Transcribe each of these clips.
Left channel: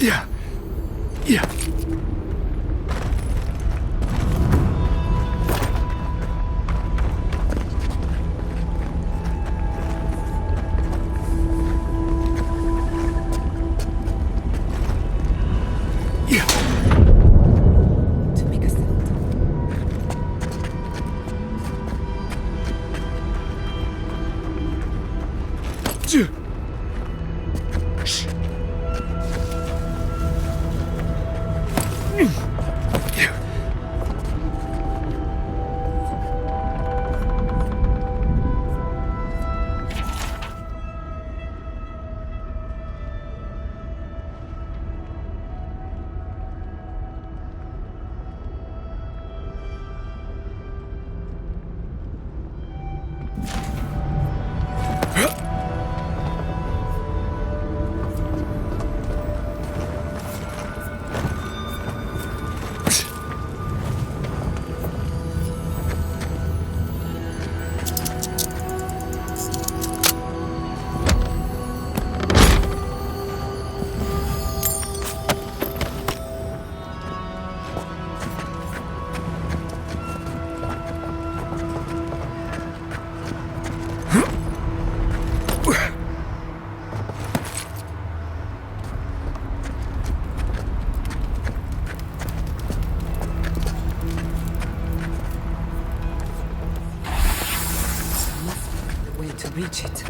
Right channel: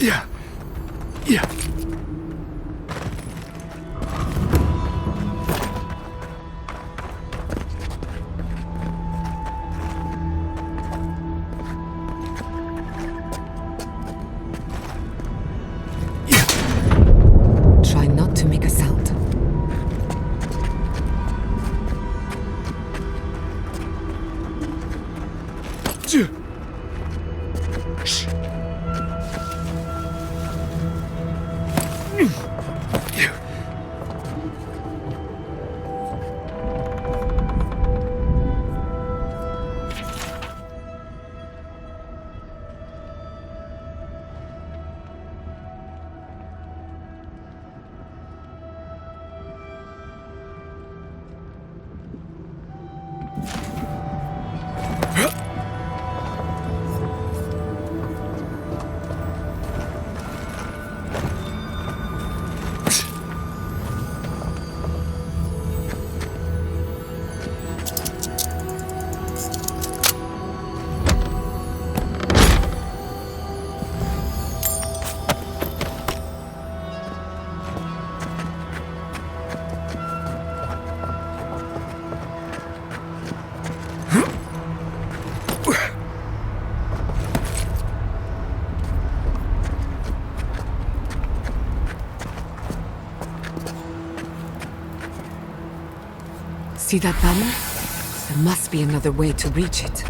Yeah. Yeah. Try not to make a sound. See that banner? There must be another way to reach it.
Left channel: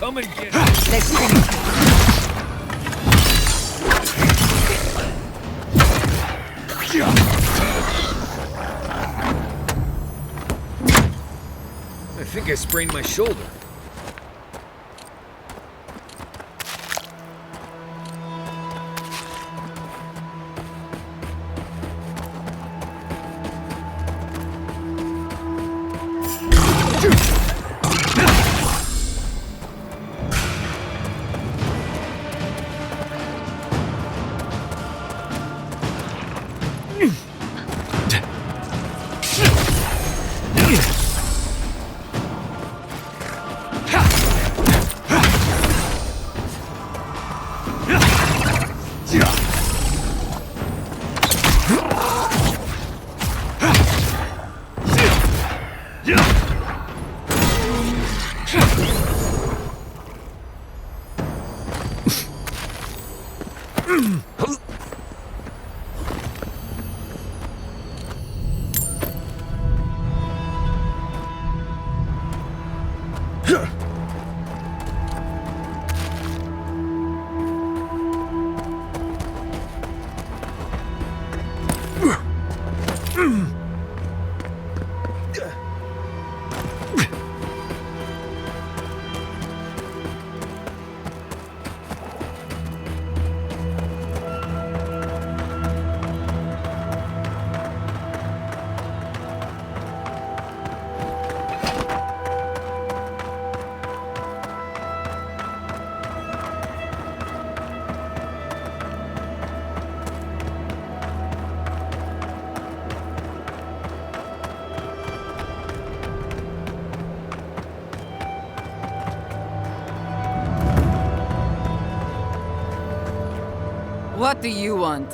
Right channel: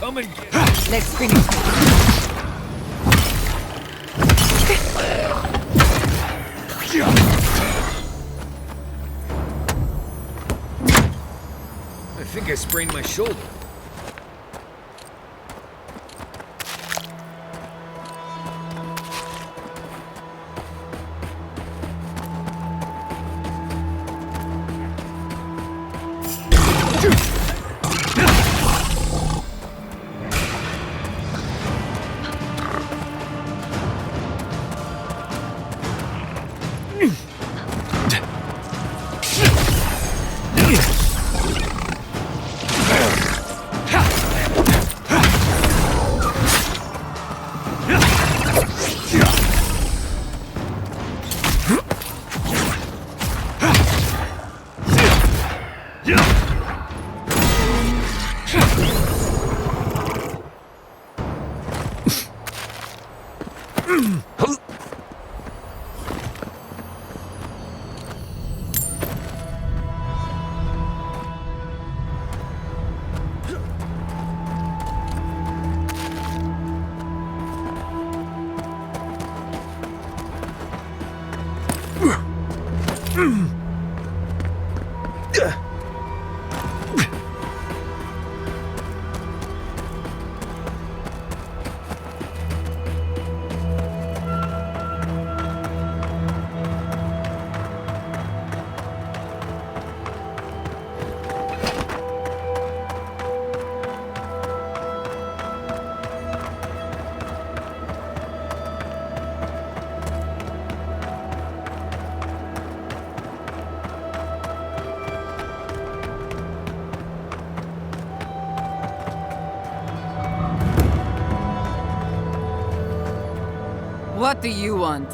Come and get it. Let's finish. I think I sprained my shoulder. What do you want?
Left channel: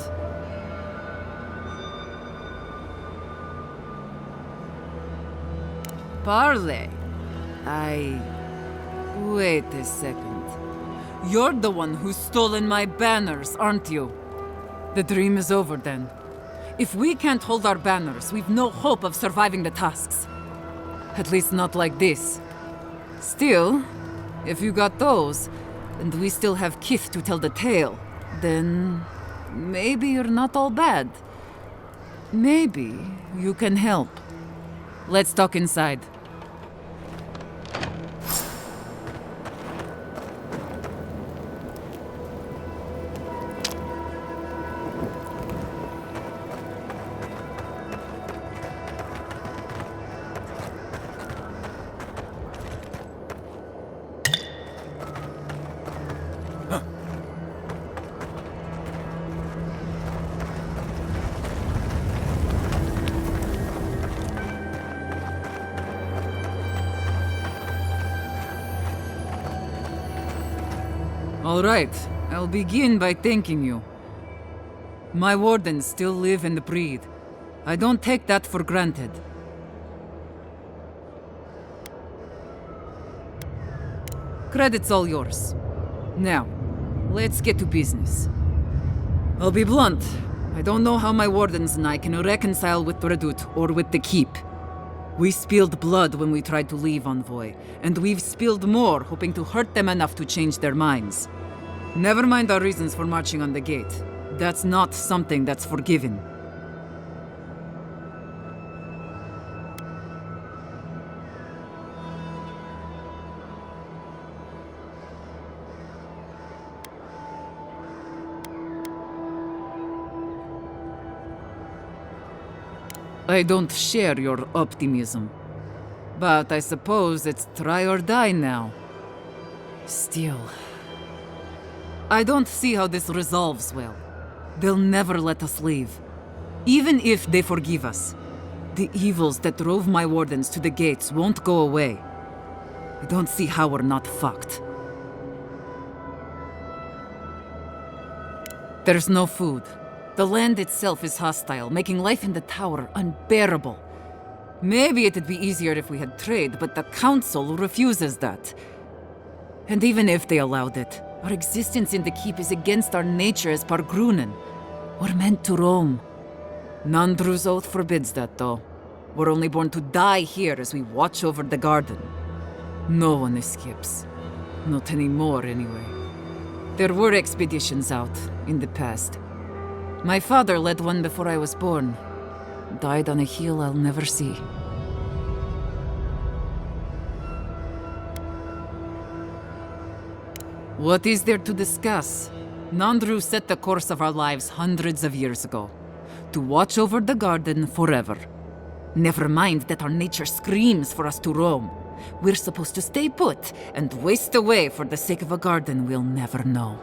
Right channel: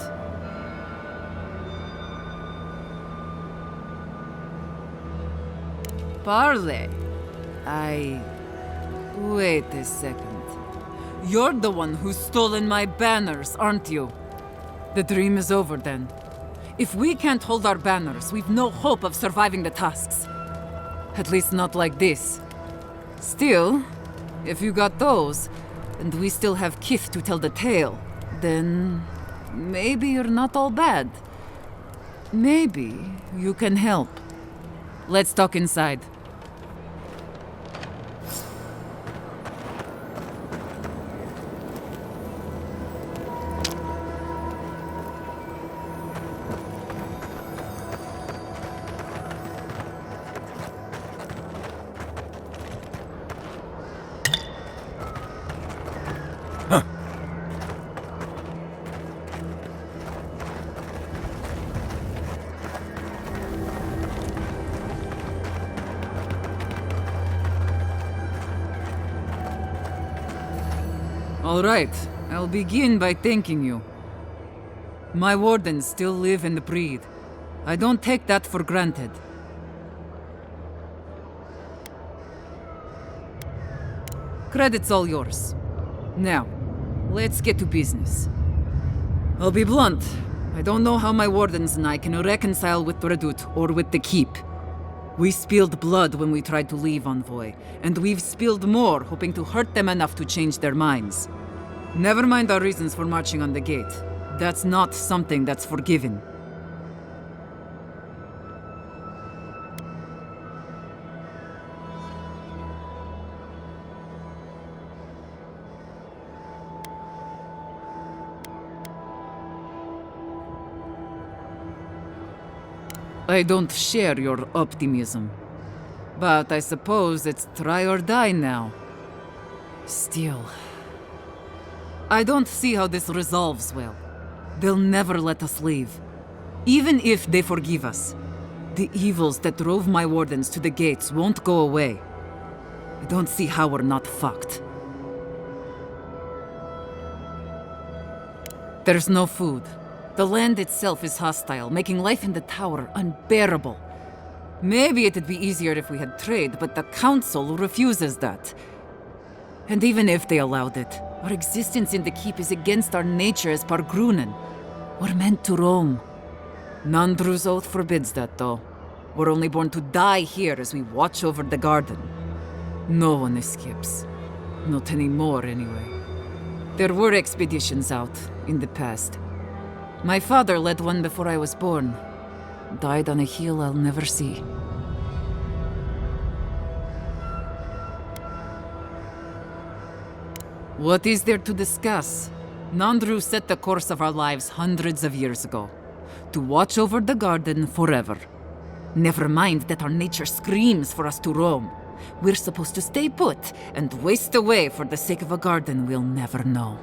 Parley. Wait a second. You're the one who's stolen my banners, aren't you? The dream is over then. If we can't hold our banners, we've no hope of surviving the tasks. At least not like this. Still, if you got those, and we still have Kith to tell the tale, then maybe you're not all bad. Maybe you can help. Let's talk inside. All right, I'll begin by thanking you. My wardens still live and breathe. I don't take that for granted. Credit's all yours. Now, let's get to business. I'll be blunt. I don't know how my wardens and I can reconcile with Redout or with the Keep. We spilled blood when we tried to leave Envoy, and we've spilled more hoping to hurt them enough to change their minds. Never mind our reasons for marching on the gate. That's not something that's forgiven. I don't share your optimism. But I suppose it's try or die now. Still, I don't see how this resolves well. They'll never let us leave. Even if they forgive us, the evils that drove my wardens to the gates won't go away. I don't see how we're not fucked. There's no food. The land itself is hostile, making life in the tower unbearable. Maybe it'd be easier if we had trade, but the Council refuses that. And even if they allowed it, our existence in the Keep is against our nature as Pargrunen. We're meant to roam. Nandru's oath forbids that, though. We're only born to die here as we watch over the garden. No one escapes. Not anymore, anyway. There were expeditions out, in the past. My father led one before I was born. Died on a hill I'll never see. What is there to discuss? Nandru set the course of our lives hundreds of years ago. To watch over the garden forever. Never mind that our nature screams for us to roam. We're supposed to stay put and waste away for the sake of a garden we'll never know.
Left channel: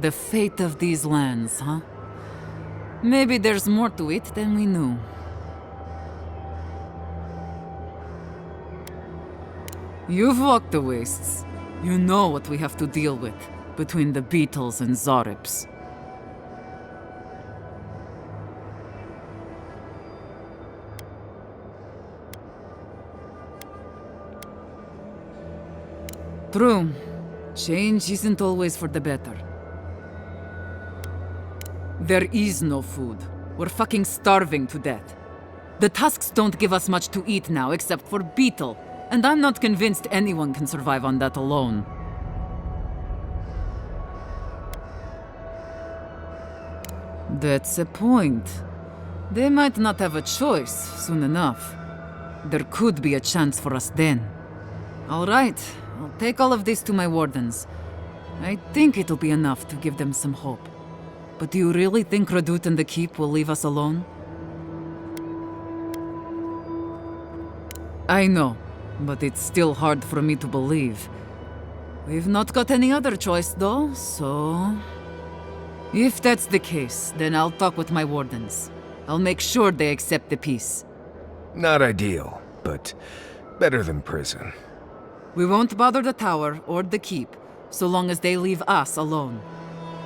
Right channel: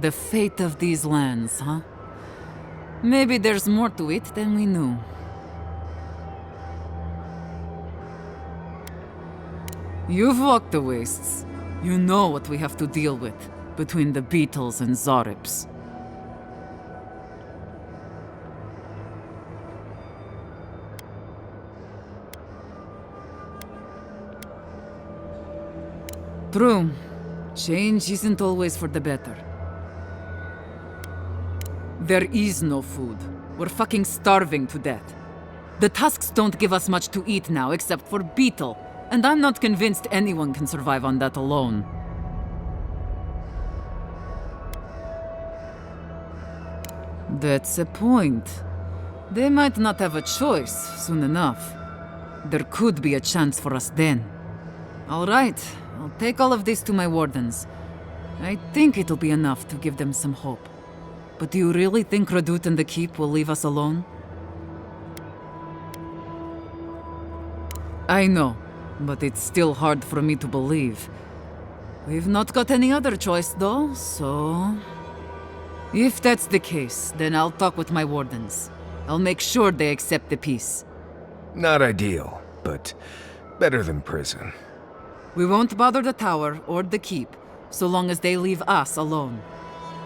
The fate of these lands, huh? Maybe there's more to it than we knew. You've walked the wastes. You know what we have to deal with, between the beetles and Zarips. True. Change isn't always for the better. There is no food. We're fucking starving to death. The tusks don't give us much to eat now except for beetle, and I'm not convinced anyone can survive on that alone. That's a point. They might not have a choice soon enough. There could be a chance for us then. All right, I'll take all of this to my wardens. I think it'll be enough to give them some hope. But do you really think Redout and the Keep will leave us alone? I know, but it's still hard for me to believe. We've not got any other choice, though, so... If that's the case, then I'll talk with my wardens. I'll make sure they accept the peace. Not ideal, but better than prison. We won't bother the tower or the keep, so long as they leave us alone.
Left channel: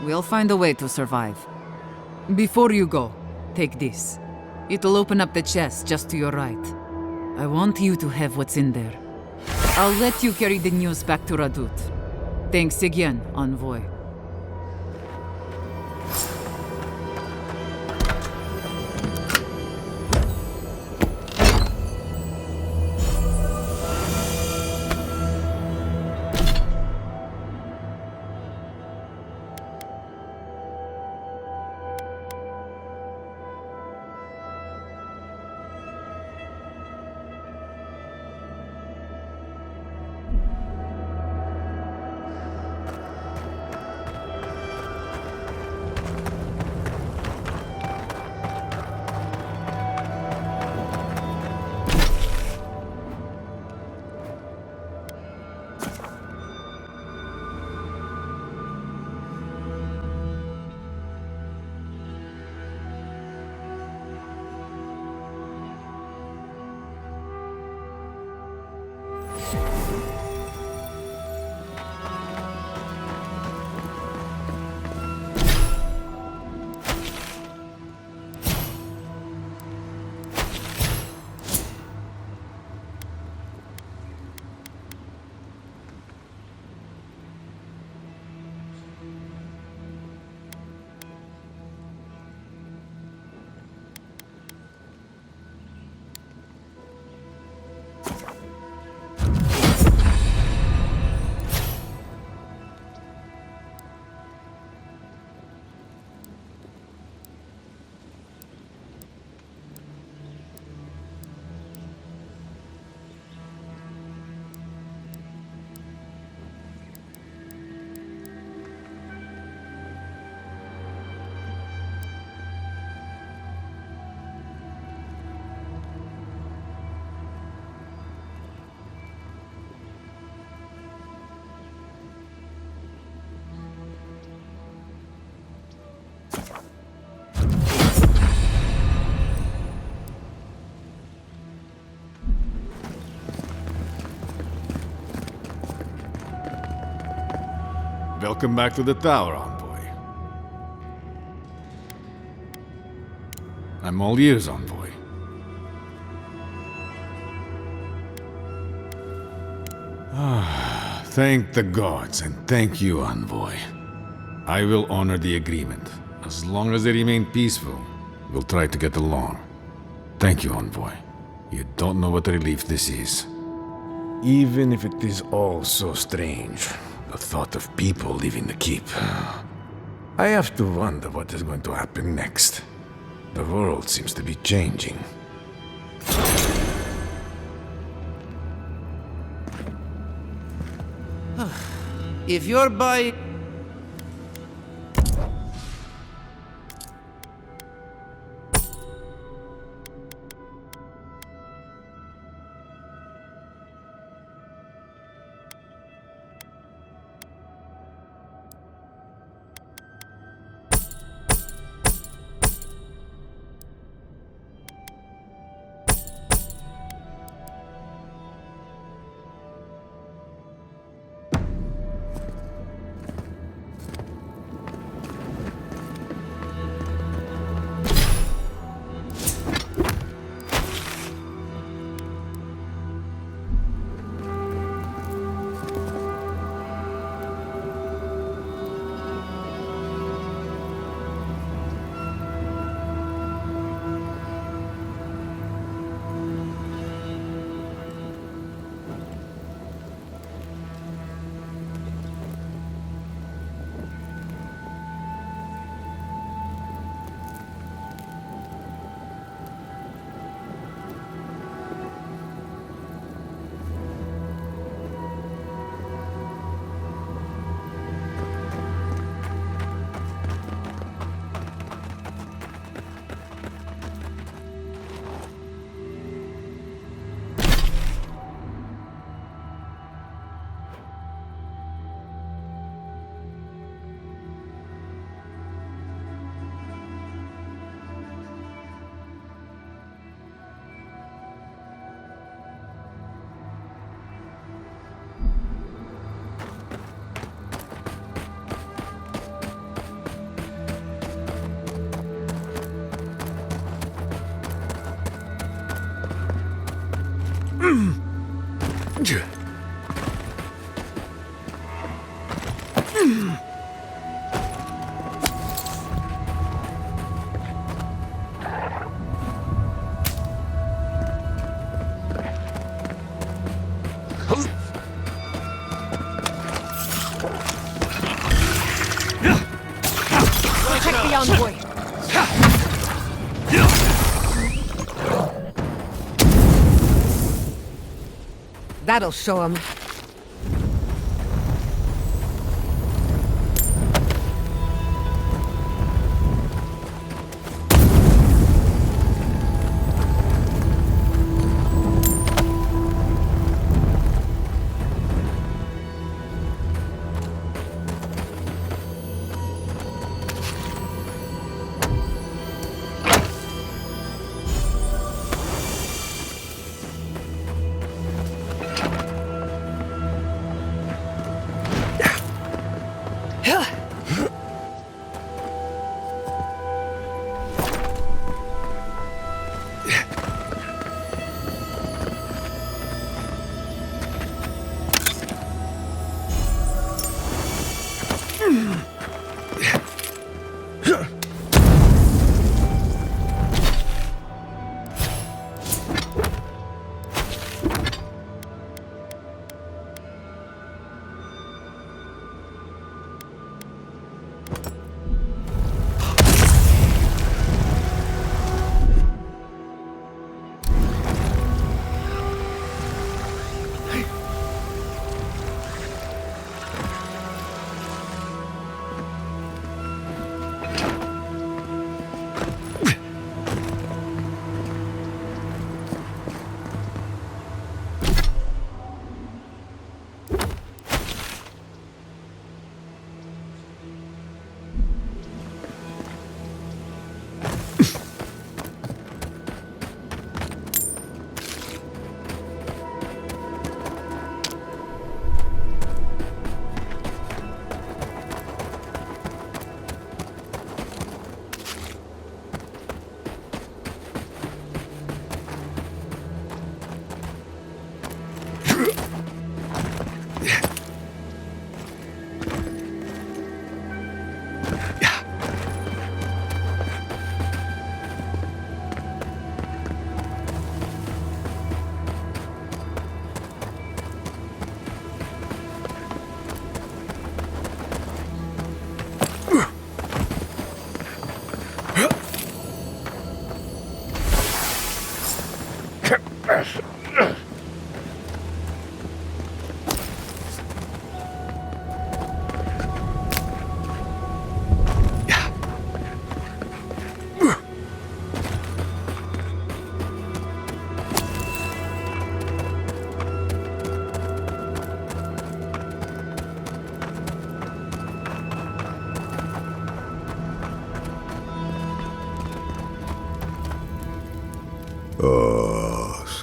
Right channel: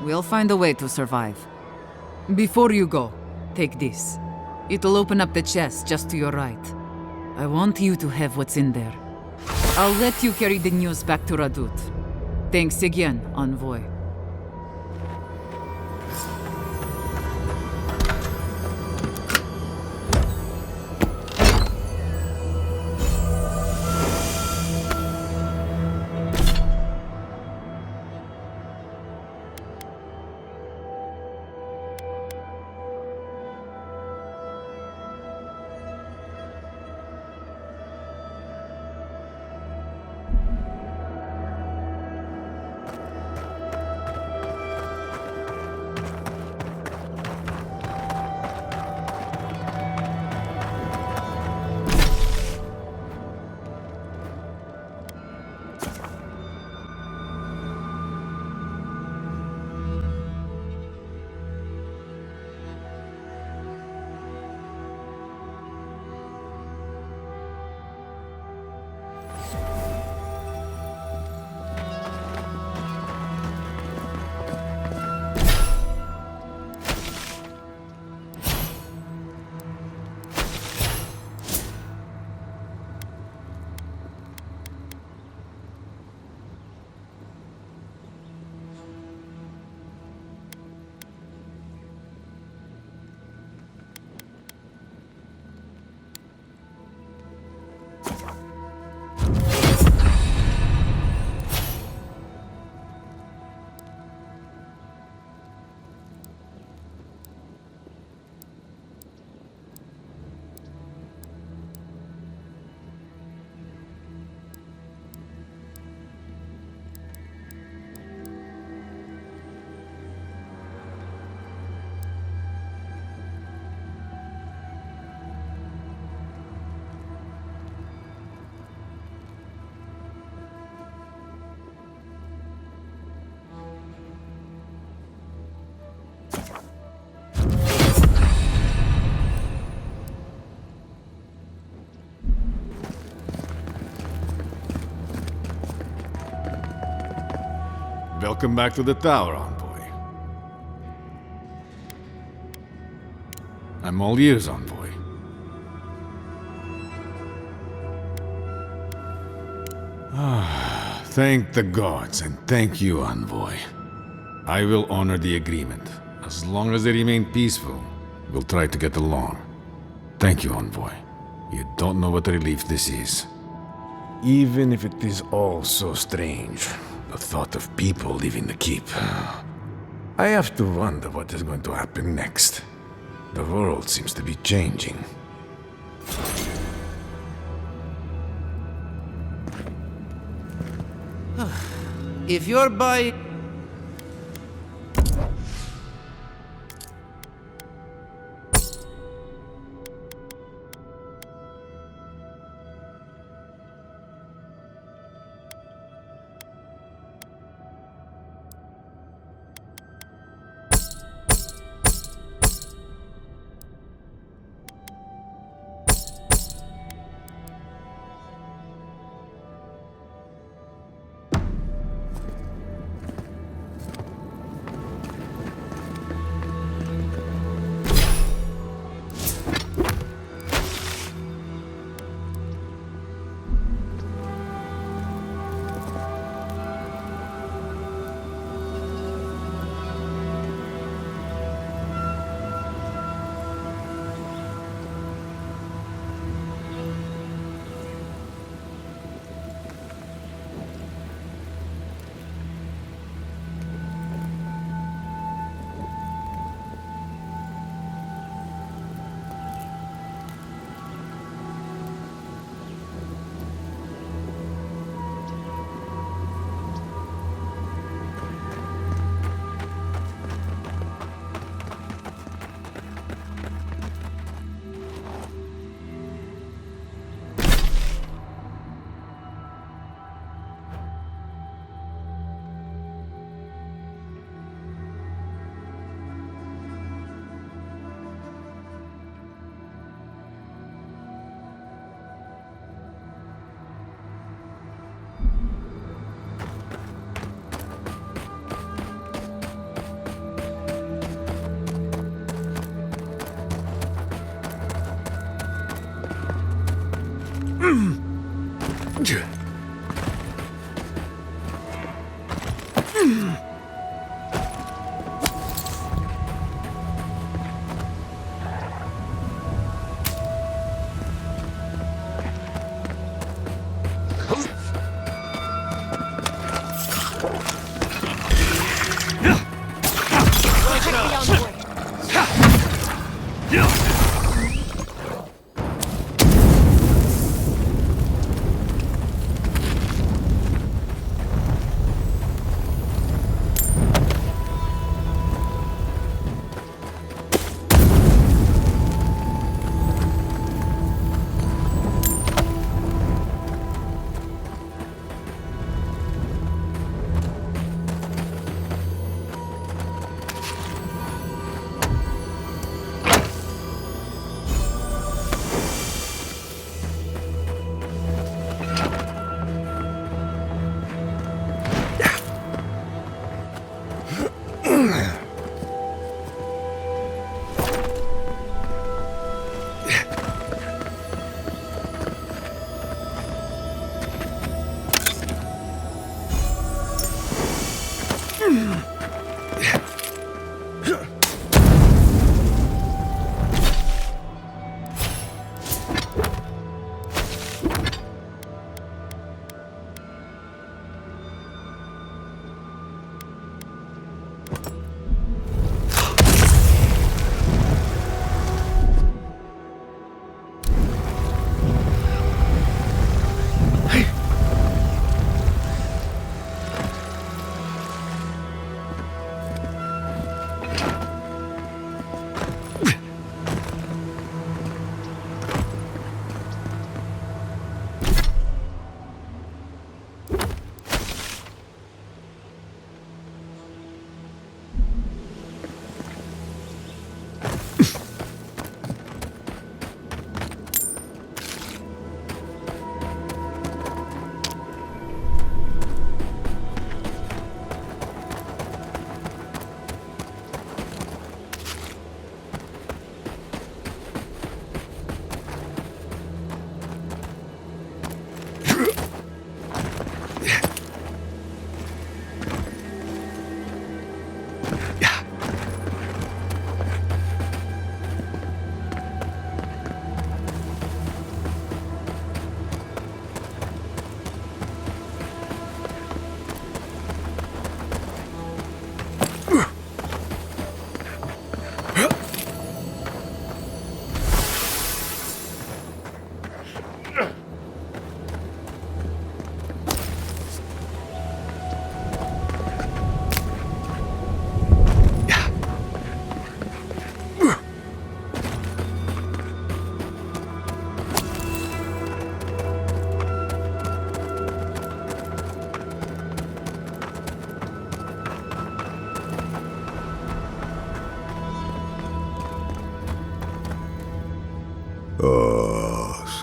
We'll find a way to survive. Before you go, take this. It'll open up the chest just to your right. I want you to have what's in there. I'll let you carry the news back to Radut. Thanks again, Envoy. Welcome back to the tower, Envoy. I'm all ears, Envoy. Thank the gods, and thank you, Envoy. I will honor the agreement. As long as they remain peaceful, we'll try to get along. Thank you, Envoy. You don't know what a relief this is. Even if it is all so strange, the thought of people leaving the keep. I have to wonder what is going to happen next. The world seems to be changing. If you're by... Protect the envoy. That'll show him.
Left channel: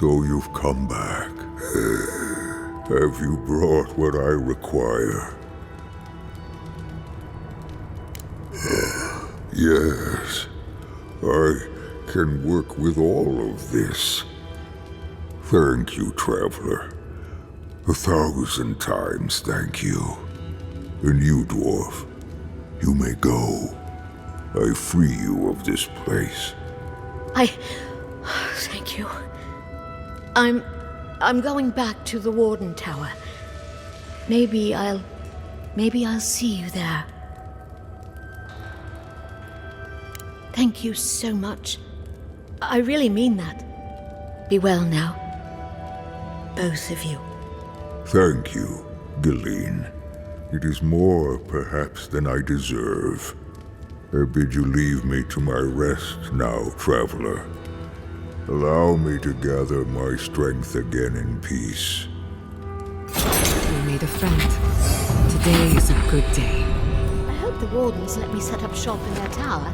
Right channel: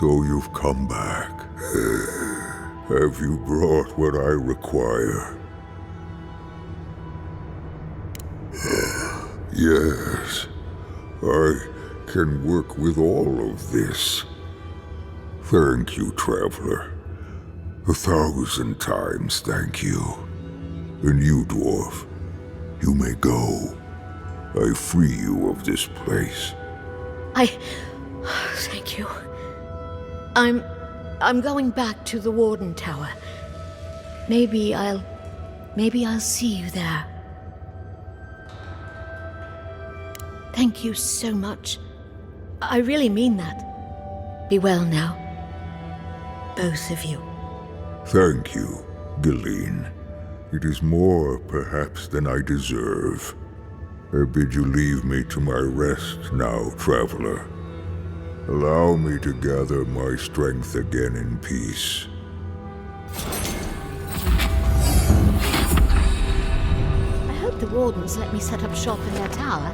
So you've come back. Have you brought what I require? Yes, I can work with all of this. Thank you, traveler. 1,000 times thank you. And you, dwarf, you may go. I free you of this place. Thank you. I'm going back to the Warden Tower. Maybe I'll see you there. Thank you so much. I really mean that. Be well now. Both of you. Thank you, Galeen. It is more, perhaps, than I deserve. I bid you leave me to my rest now, traveler. Allow me to gather my strength again in peace. We made a friend. Today is a good day. I hope the Wardens let me set up shop in their tower.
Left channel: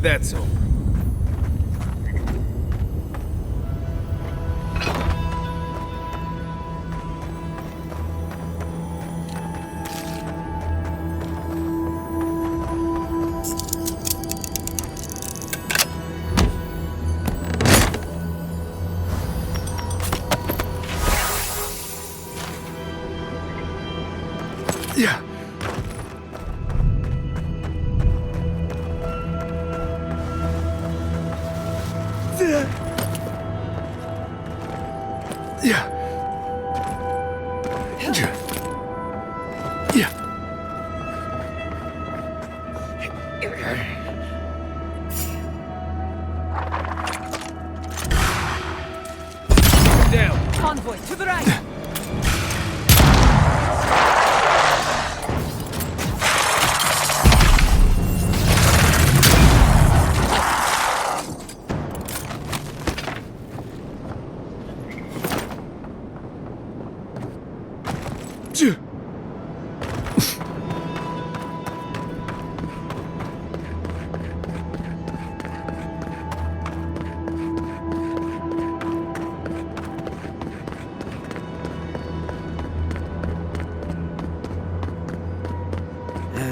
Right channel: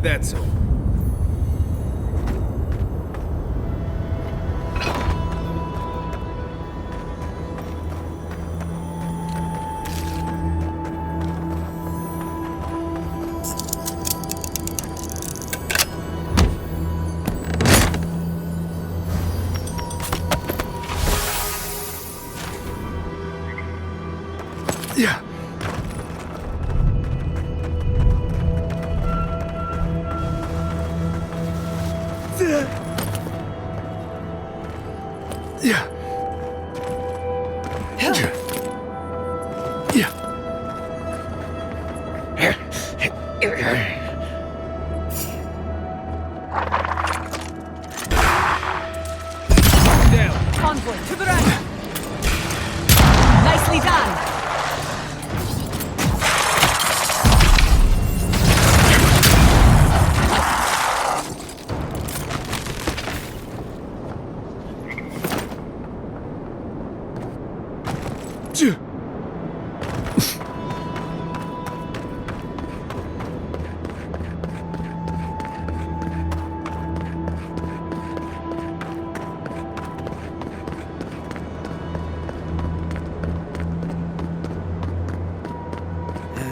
Glad that's over. Yeah. Yeah. Yeah. Down. Convoy, to the right! Nicely done!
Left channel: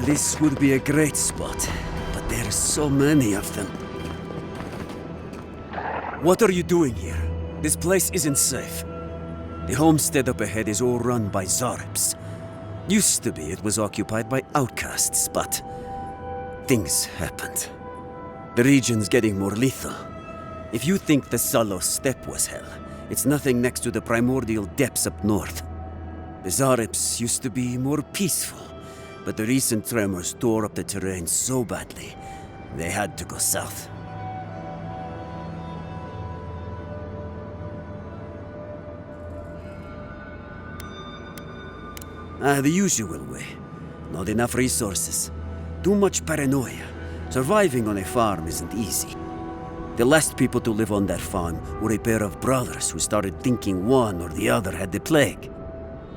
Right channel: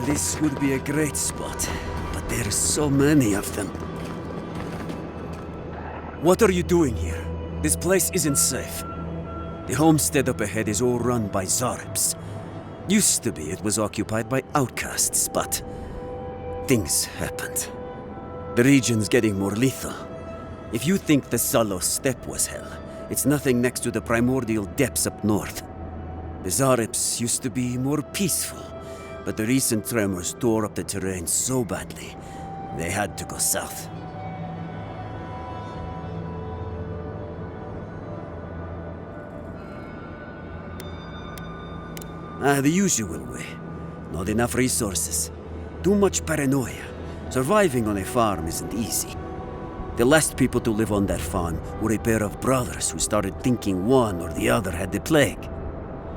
This would be a great spot, but there are so many of them. What are you doing here? This place isn't safe. The homestead up ahead is all run by Zarps. Used to be it was occupied by outcasts, but things happened. The region's getting more lethal. If you think the Salo Steppe was hell, it's nothing next to the primordial depths up north. The Zarps used to be more peaceful, but the recent tremors tore up the terrain so badly, they had to go south. The usual way. Not enough resources. Too much paranoia. Surviving on a farm isn't easy. The last people to live on that farm were a pair of brothers who started thinking one or the other had the plague.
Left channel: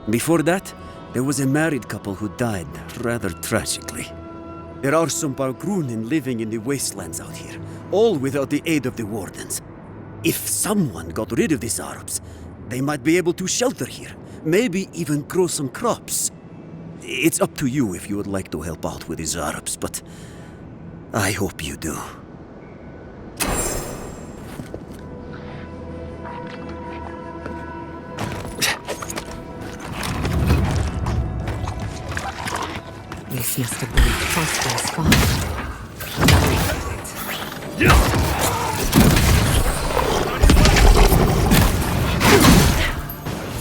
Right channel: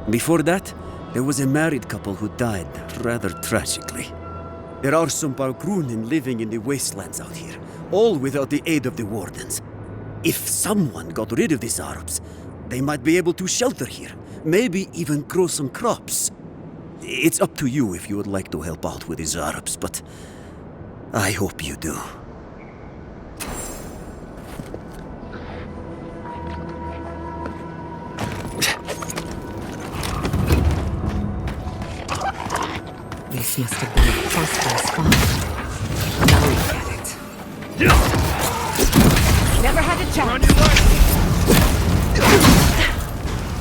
Before that, there was a married couple who died rather tragically. There are some Balgrunen living in the wastelands out here, all without the aid of the wardens. If someone got rid of the Zarps, they might be able to shelter here, maybe even grow some crops. It's up to you if you would like to help out with the Zarps, but I hope you do. This must have been a prosperous farm. Now we get it. Never had a chance. On your right.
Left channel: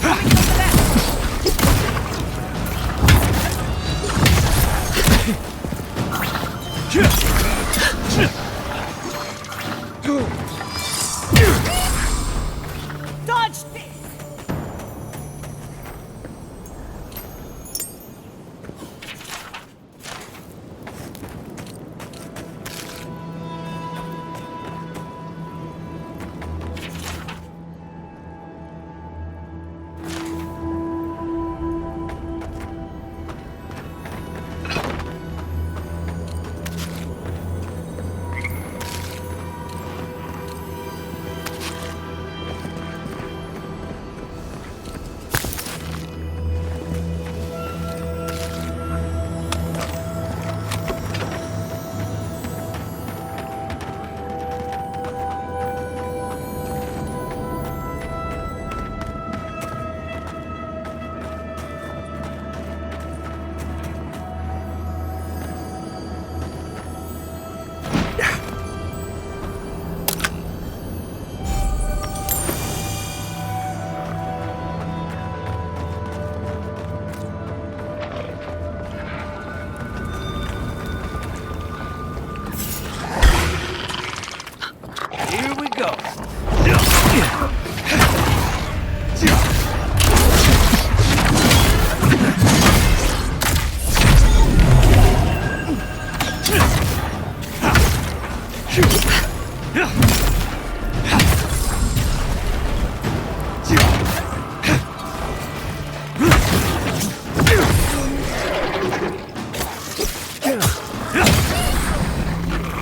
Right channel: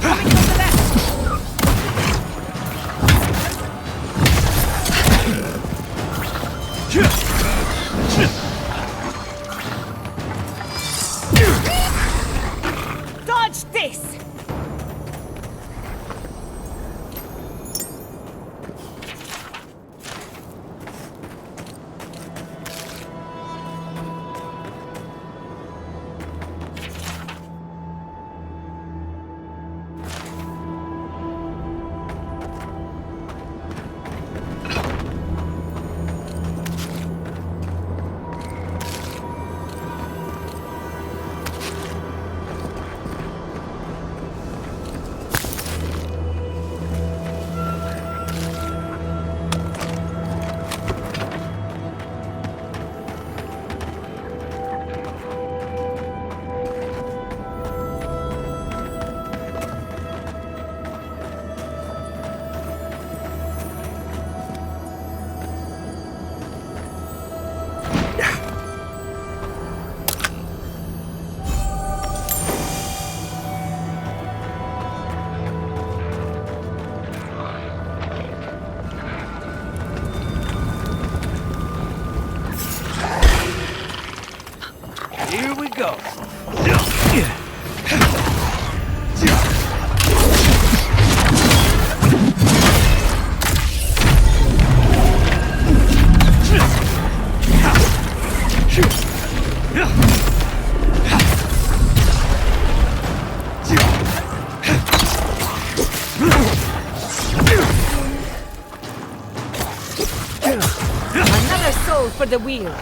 Coming from the left! Dodge this! Here we go. Another soul for the wheel.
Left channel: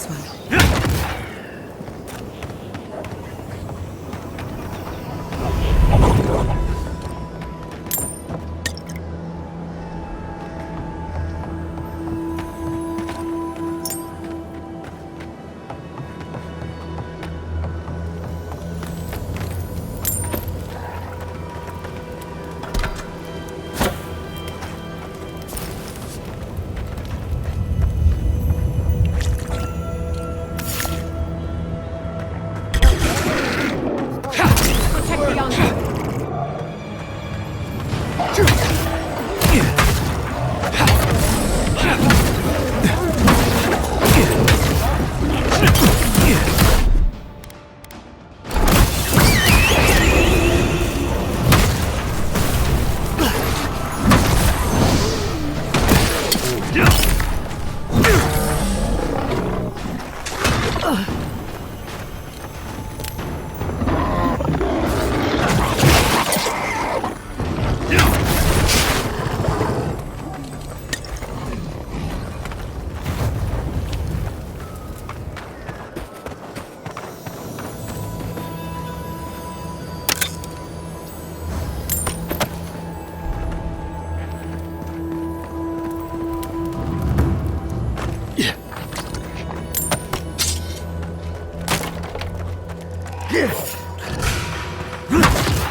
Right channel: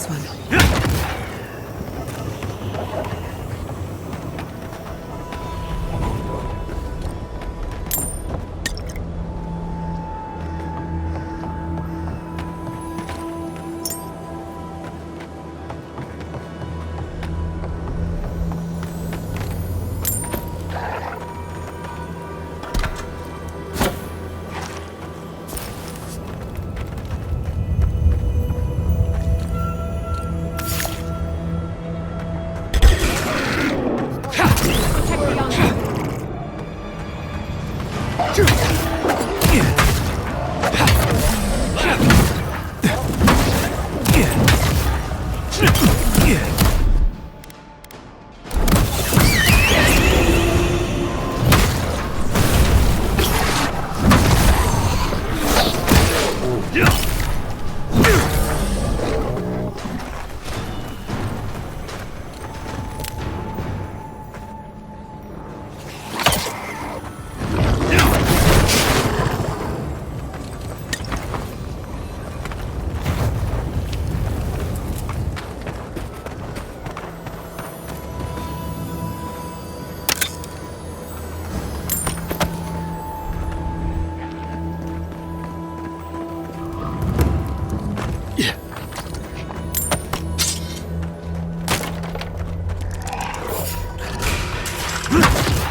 close one.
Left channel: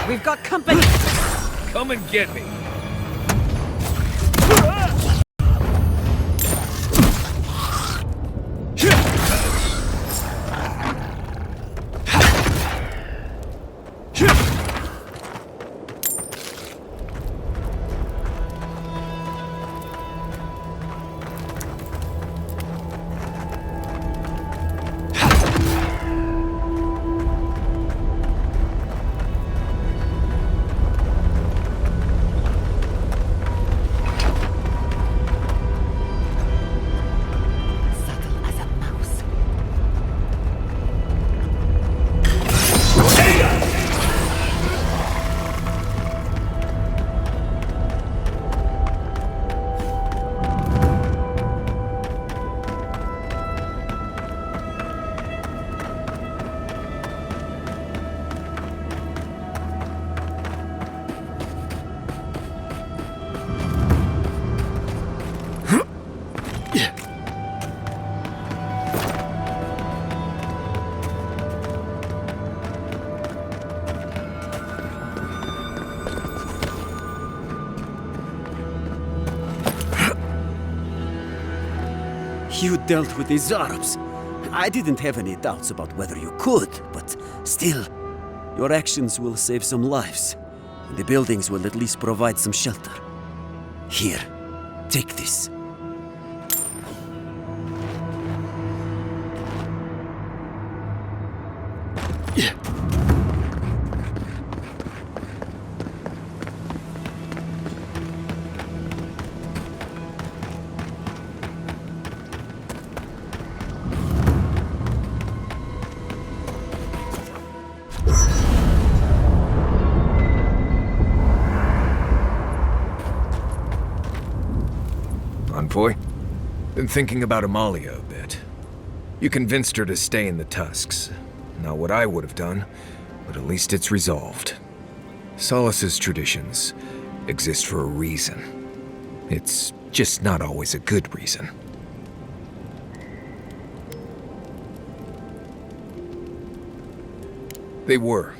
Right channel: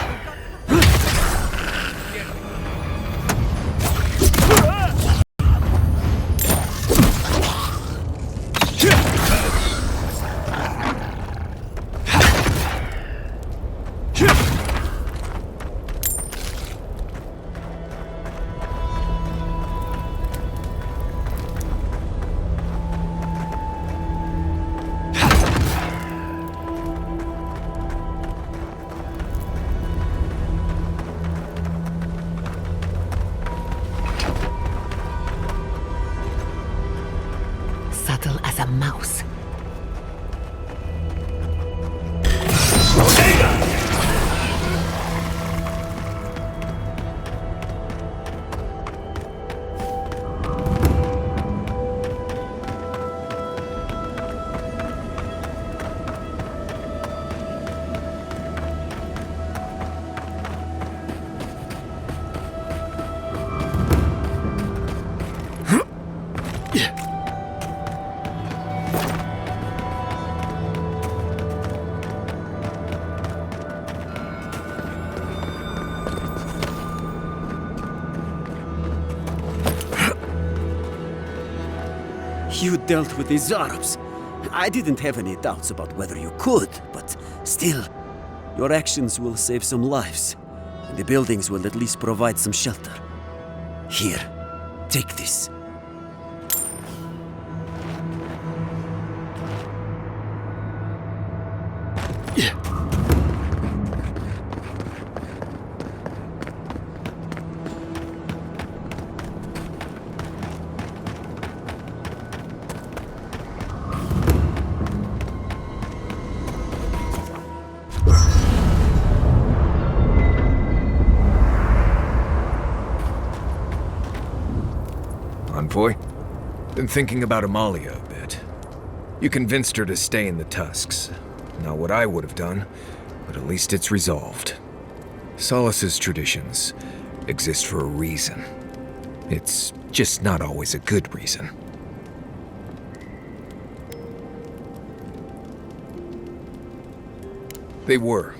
We've got company! Come and get me. Subtle as a mouse. You dealt with these Arabs. I didn't have any doubts about whether you could, but still, your actions will save some lives, and the buildings will at least provide some shelter. Here, take this. Envoy? Been thinking about Amalia a bit. You convinced her to stay in the Tusks. Not what I would have done, but at least it's resolved. Solace's traditions exist for a reason. It's just not always a good reason. They were.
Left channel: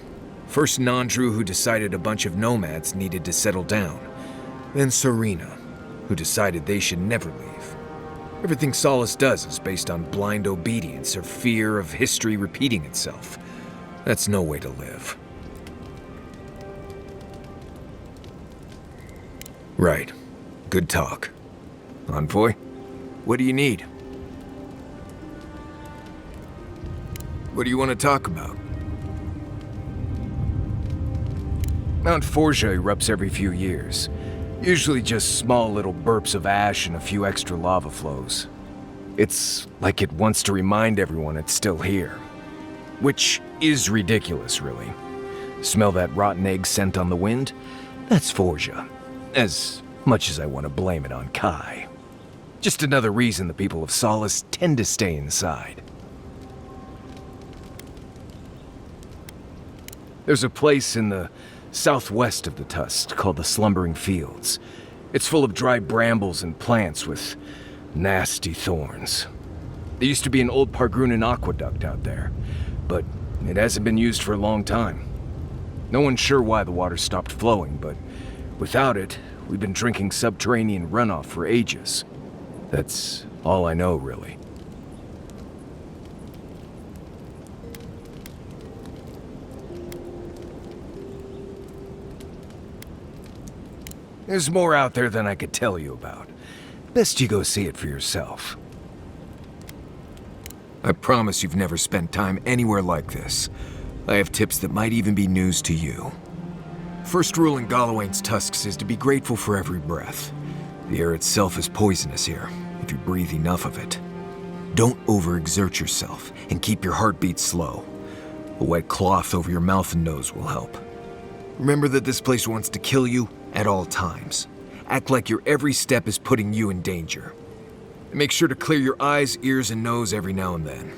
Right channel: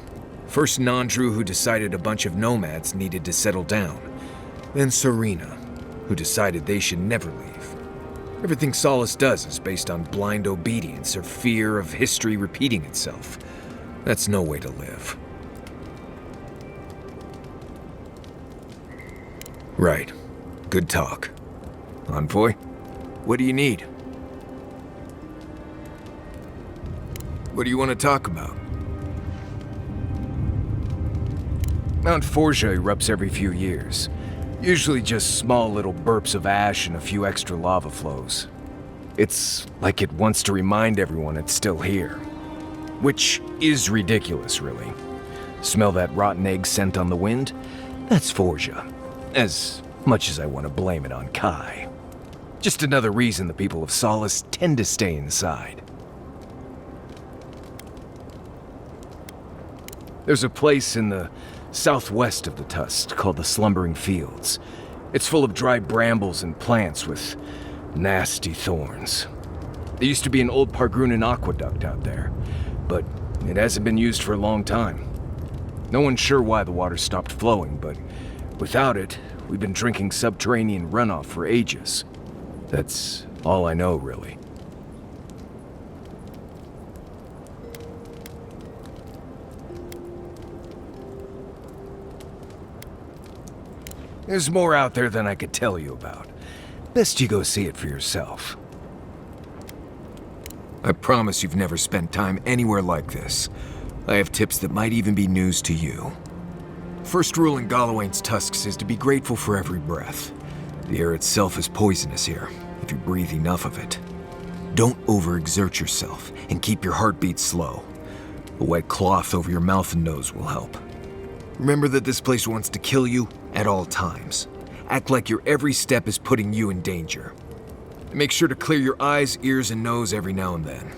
First Nandru, who decided a bunch of nomads needed to settle down. Then Serena, who decided they should never leave. Everything Solace does is based on blind obedience or fear of history repeating itself. That's no way to live. Right. Good talk. Envoy, what do you need? What do you want to talk about? Mount Forja erupts every few years. Usually just small little burps of ash and a few extra lava flows. It's like it wants to remind everyone it's still here. Which is ridiculous, really. Smell that rotten egg scent on the wind? That's Forja. As much as I want to blame it on Kai. Just another reason the people of Solace tend to stay inside. There's a place in the southwest of the Tusk called the Slumbering Fields. It's full of dry brambles and plants with nasty thorns. There used to be an old Pargrunan aqueduct out there, but it hasn't been used for a long time. No one's sure why the water stopped flowing, but without it, we've been drinking subterranean runoff for ages. That's all I know, really. There's more out there than I could tell you about. Best you go see it for yourself. I promise you've never spent time anywhere like this. I have tips that might even be news to you. First rule in Galawain's tusks is to be grateful for every breath. The air itself is poisonous here, if you breathe enough of it. Don't overexert yourself, and keep your heartbeat slow. A wet cloth over your mouth and nose will help. Remember that this place wants to kill you at all times. Act like your every step is putting you in danger. And make sure to clear your eyes, ears, and nose every now and then.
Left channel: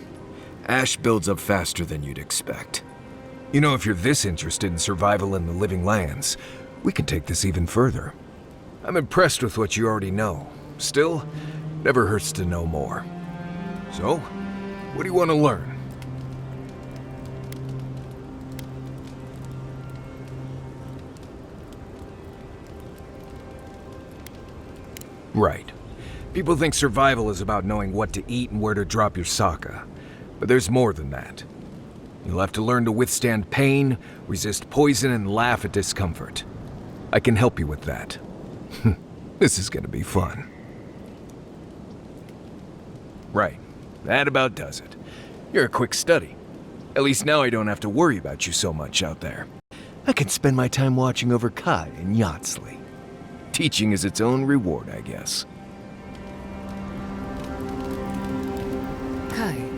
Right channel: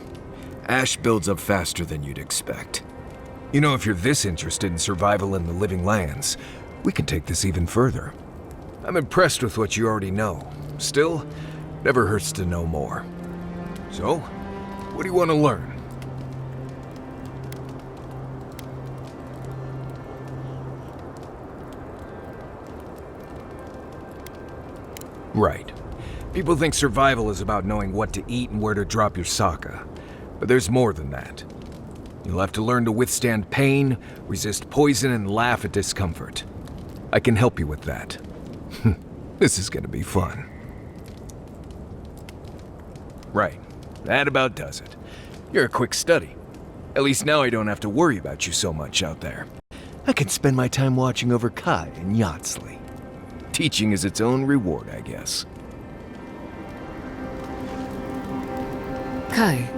Ash builds up faster than you'd expect. You know, if you're this interested in survival in the living lands, we can take this even further. I'm impressed with what you already know. Still, never hurts to know more. So, what do you want to learn? Right. People think survival is about knowing what to eat and where to drop your sokka. But there's more than that. You'll have to learn to withstand pain, resist poison, and laugh at discomfort. I can help you with that. This is gonna be fun. Right. That about does it. You're a quick study. At least now I don't have to worry about you so much out there. I can spend my time watching over Kai and Yatsley. Teaching is its own reward, I guess. Kai.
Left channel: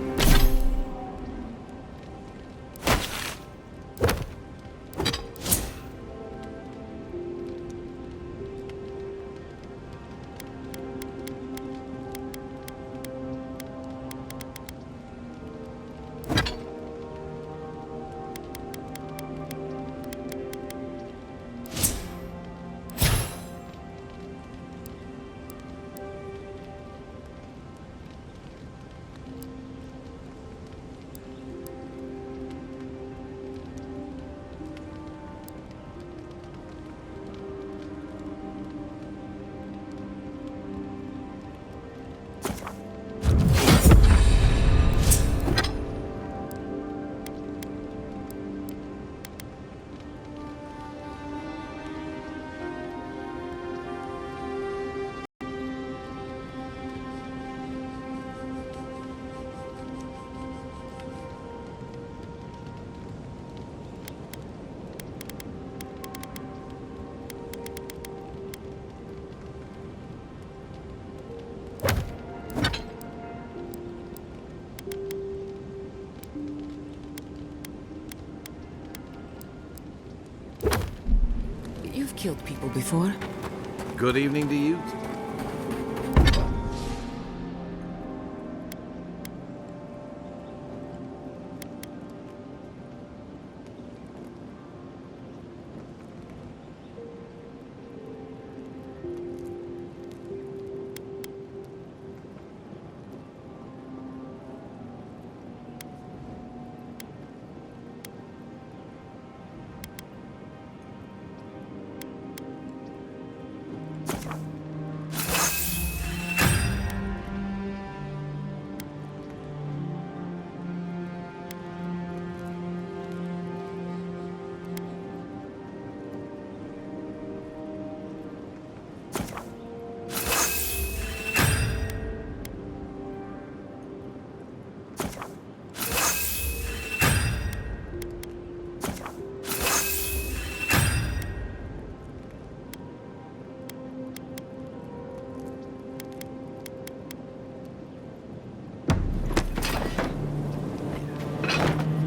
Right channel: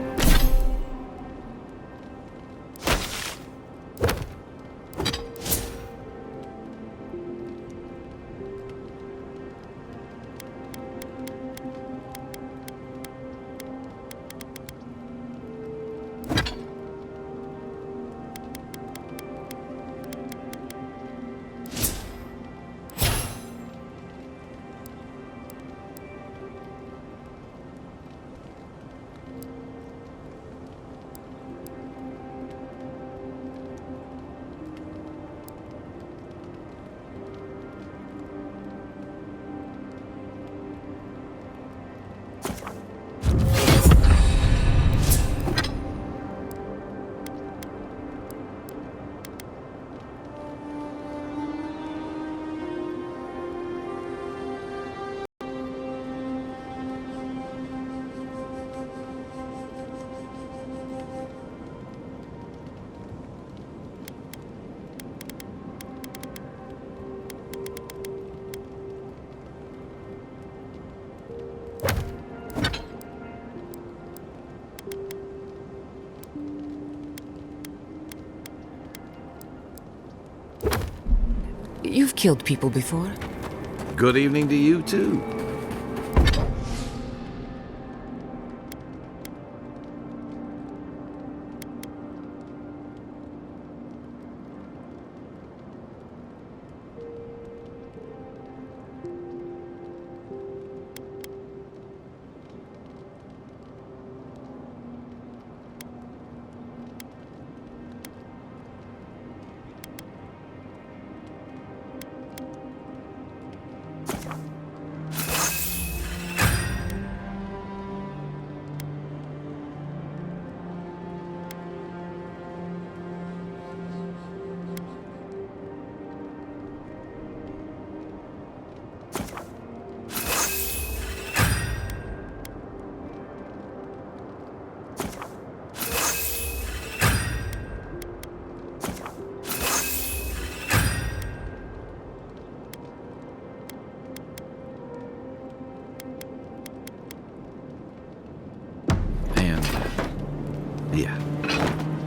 You've killed people before. Good evening to you, too.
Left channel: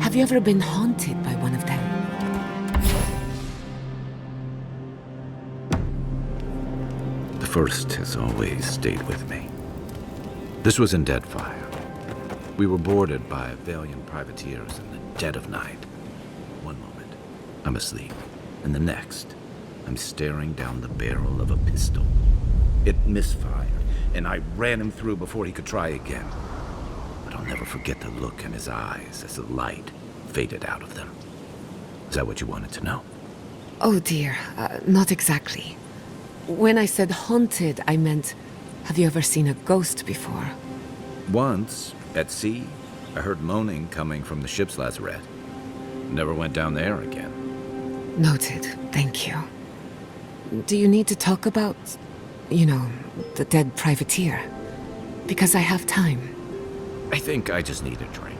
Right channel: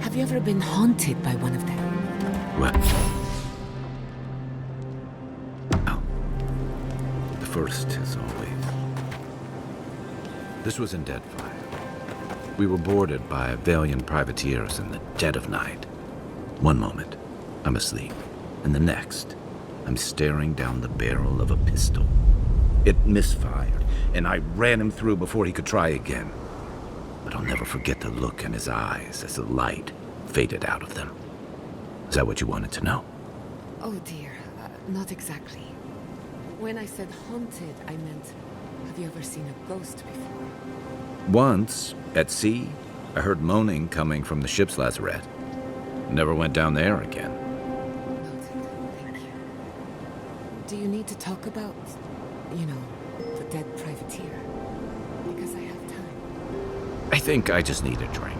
Have you ever been haunted by one of them? Well, the first has always stayed with me. This was in Deadfire. We were boarded by valiant privateers in the dead of night. One moment, I'm asleep, and the next, I'm staring down the barrel of a pistol. It misfired, and I ran him through before he could try again. But I'll never forget the look in his eyes as the light faded out of them. Is that what you wanted to know? Oh dear, not exactly. When I said haunted, I meant, have you ever seen a ghost before? Once, at sea, I heard moaning coming from the ship's lazarette. Never went down there again. Noted, thank you. Do you need to talk about, the dead privateer? Because I have time. I think I just need a drink.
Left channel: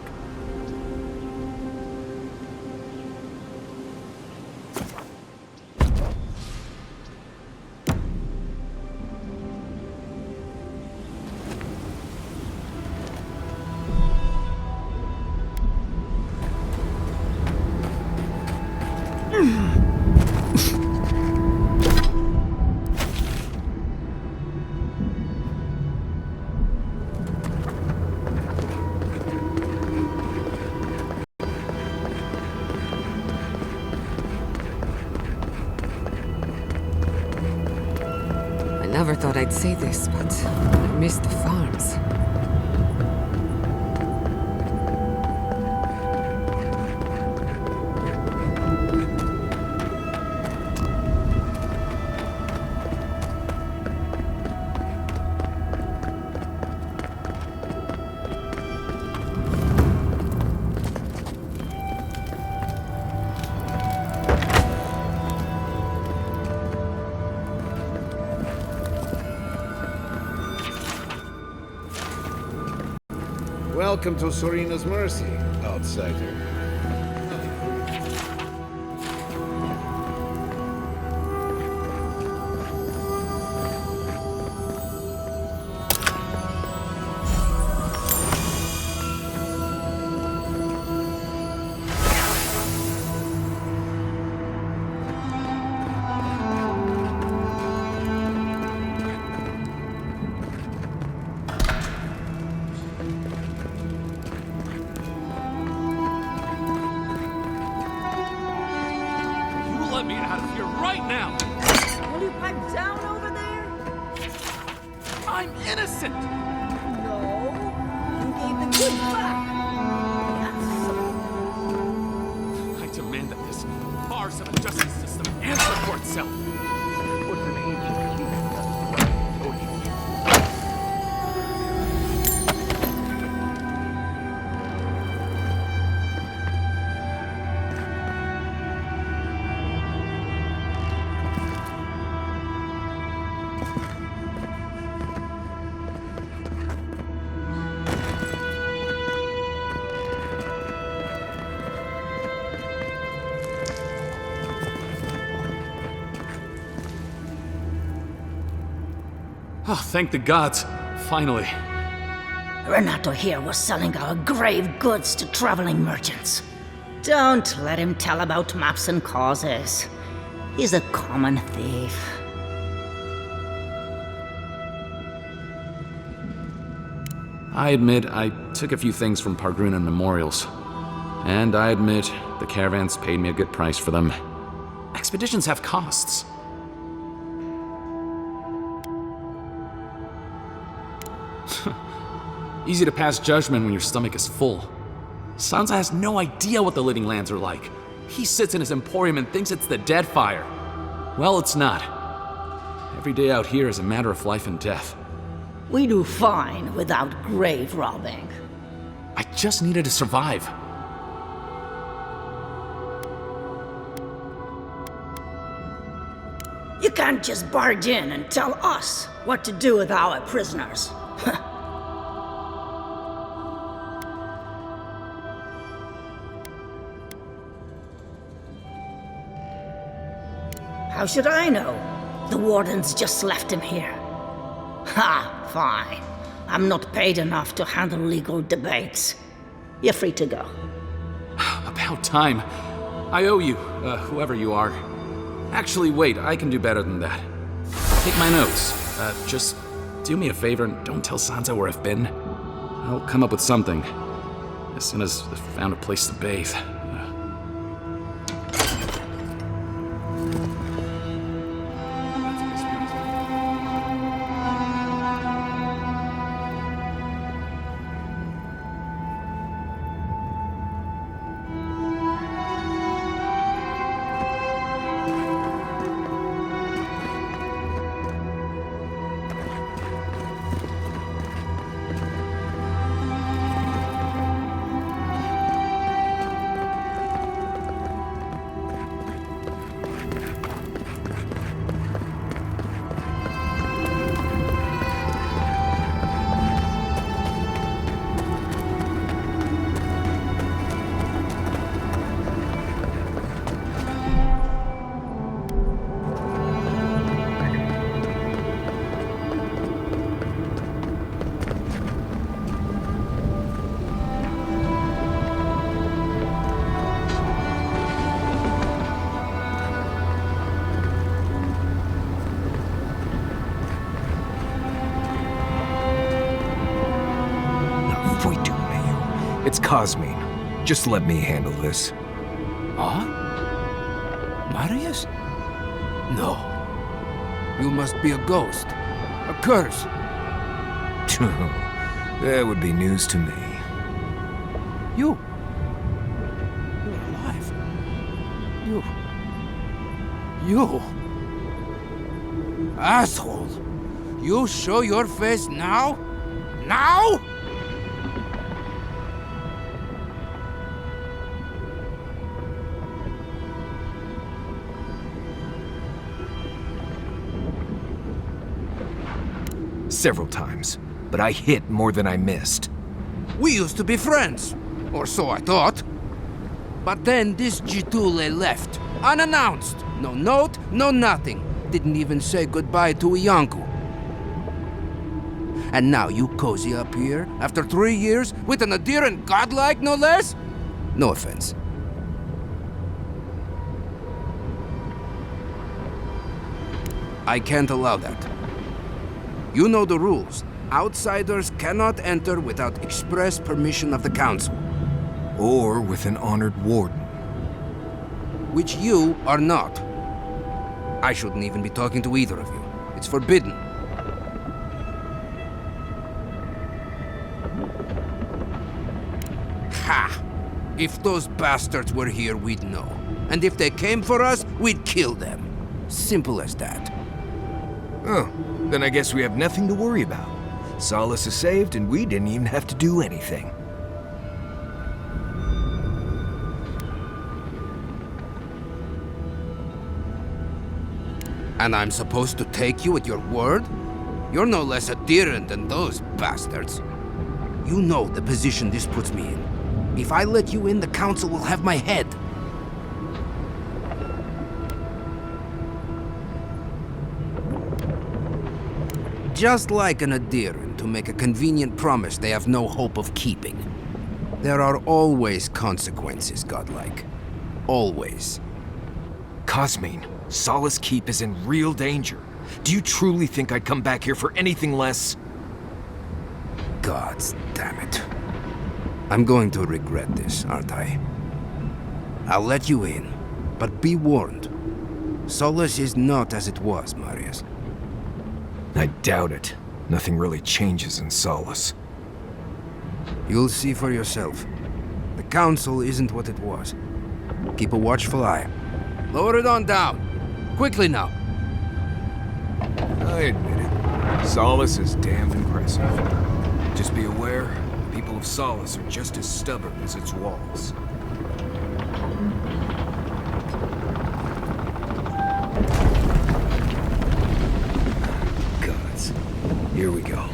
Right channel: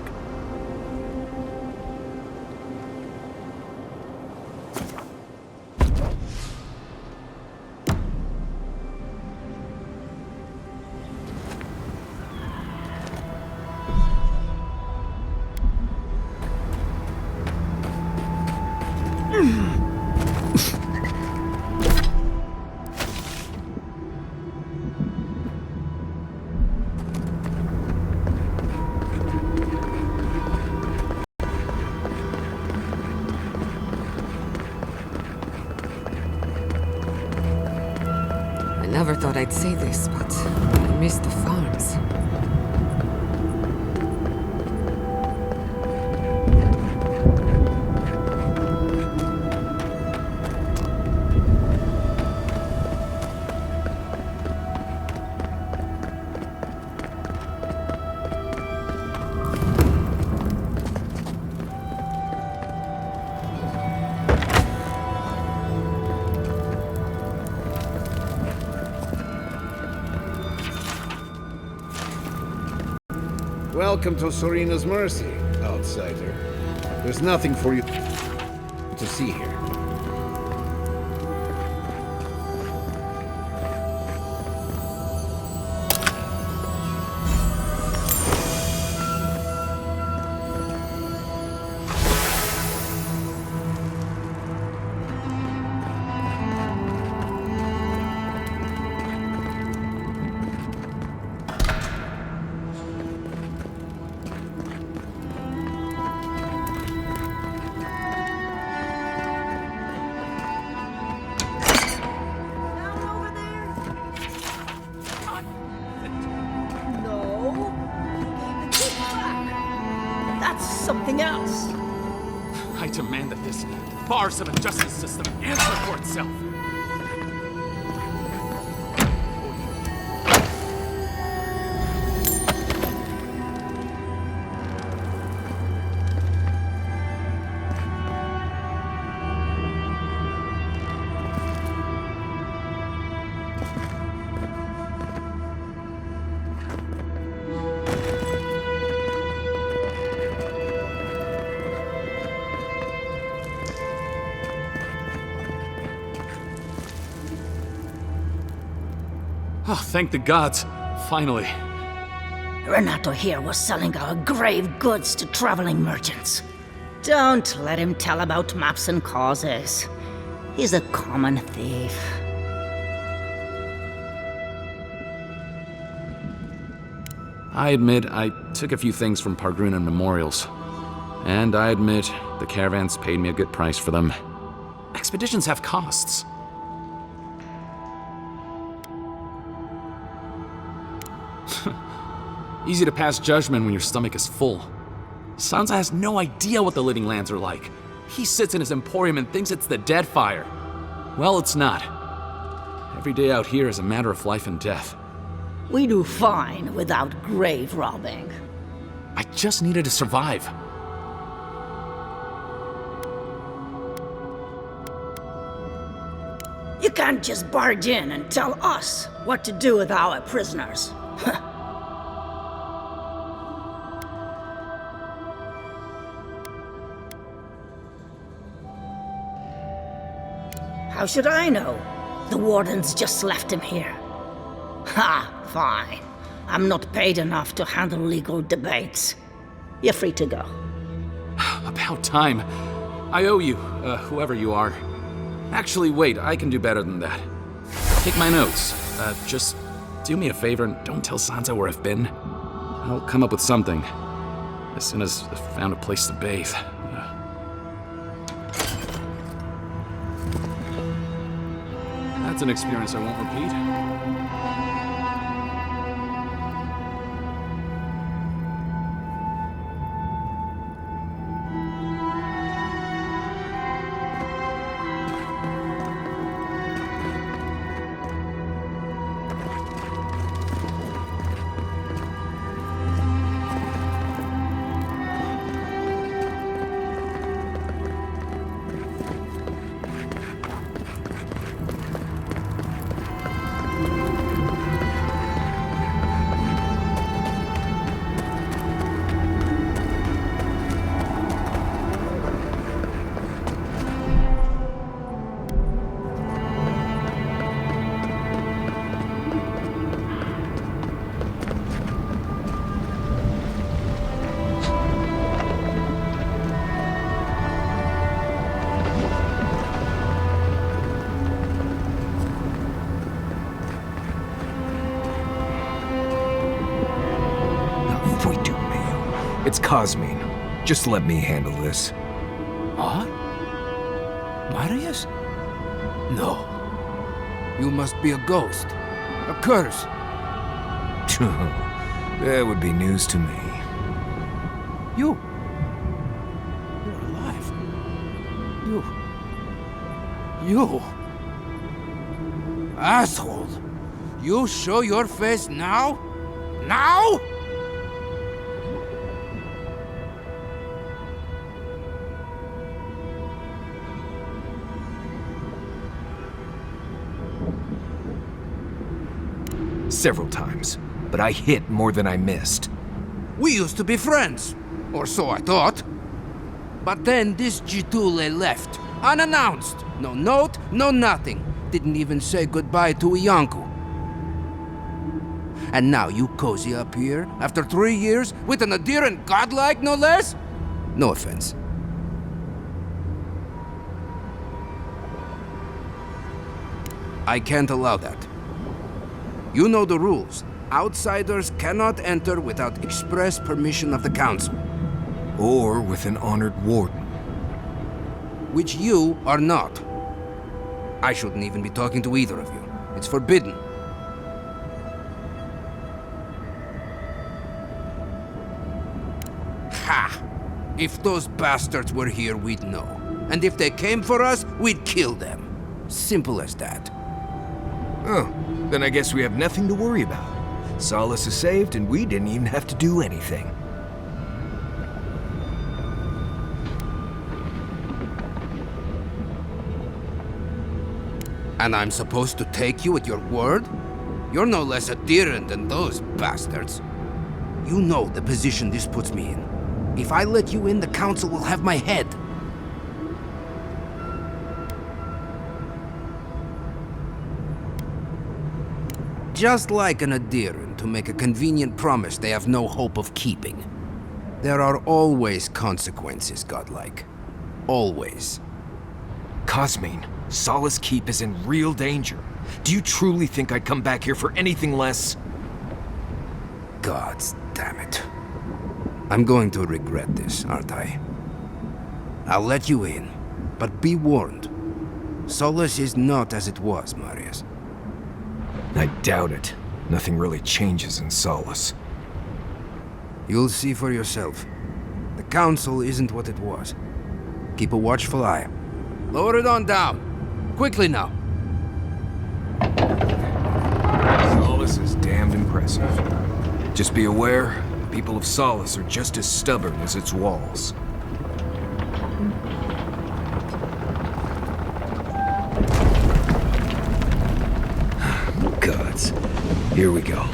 I never thought I'd say this, but I miss the farms. Welcome to Serena's Mercy, outsider. There's nothing for you to see here. No, you gave the goods back. That's something else. I demand that this farce of a justice system answer for itself. Oh, thank the gods. Finally. Renato here was selling our grave goods to traveling merchants. Don't let him tell about maps and causes. He's a common thief. I admit I took a few things from Pargrunan memorials. And I admit the caravans paid me a good price for them. Expeditions have costs. Easy to pass judgment when your stomach is full. Sansa has no idea what the living lands are like. He sits in his emporium and thinks it's the Deadfire. Well, it's not. Every day out here is a matter of life and death. We do fine without grave robbing. I just needed to survive. You can't just barge in and tell us what to do with our prisoners. How should I know? The wardens just left him here. Ha, fine. I'm not paid enough to handle legal debates. You're free to go. About time. I owe you, whoever you are. Actually, wait, I can do better than that. Take my notes. Just Do me a favor and don't tell Sansa where I've been. I'll come up with something. As soon as I've found a place to bathe. That's an experience I won't repeat. It's Cosmine. Just let me handle this. Huh? Marius? No. You must be a ghost. A curse. That would be news to me. You're alive. You... Asshole! You show your face now? Now? Several times, but I hit more than I missed. We used to be friends, or so I thought. But then this Jitule left, unannounced. No note, no nothing. Didn't even say goodbye to Iancu. And now you cozy up here, after 3 years, with an adherent godlike, no less? No offense. I can't allow that. You know the rules. Outsiders cannot enter without express permission of the Council. Or with an honored warden. Which you are not. I shouldn't even be talking to either of you. It's forbidden. Ha! If those bastards were here, we'd know. And if they came for us, we'd kill them. Simple as that. Oh, then I guess we have nothing to worry about. Solace is saved, and we didn't even have to do anything. And I'm supposed to take you at your word? You're no less adherent than those bastards. You know the position this puts me in. If I let you in, the Council will have my head. Just like an adherent to make a convenient promise they have no hope of keeping. There are always consequences, godlike. Always. Cosmine, Solace Keep is in real danger. Do you truly think I'd come back here for anything less? Gods damn it. I'm going to regret this, aren't I? I'll let you in, but be warned. Solace is not as it was, Marius. I doubt it. Nothing really changes in Solace. You'll see for yourself. The Council isn't what it was. Keep a watchful eye. Lower it on down. Quickly now. I admit it. Solace is damned impressive. Just be aware, the people of Solace are just as stubborn as its walls. Gods. Here we go.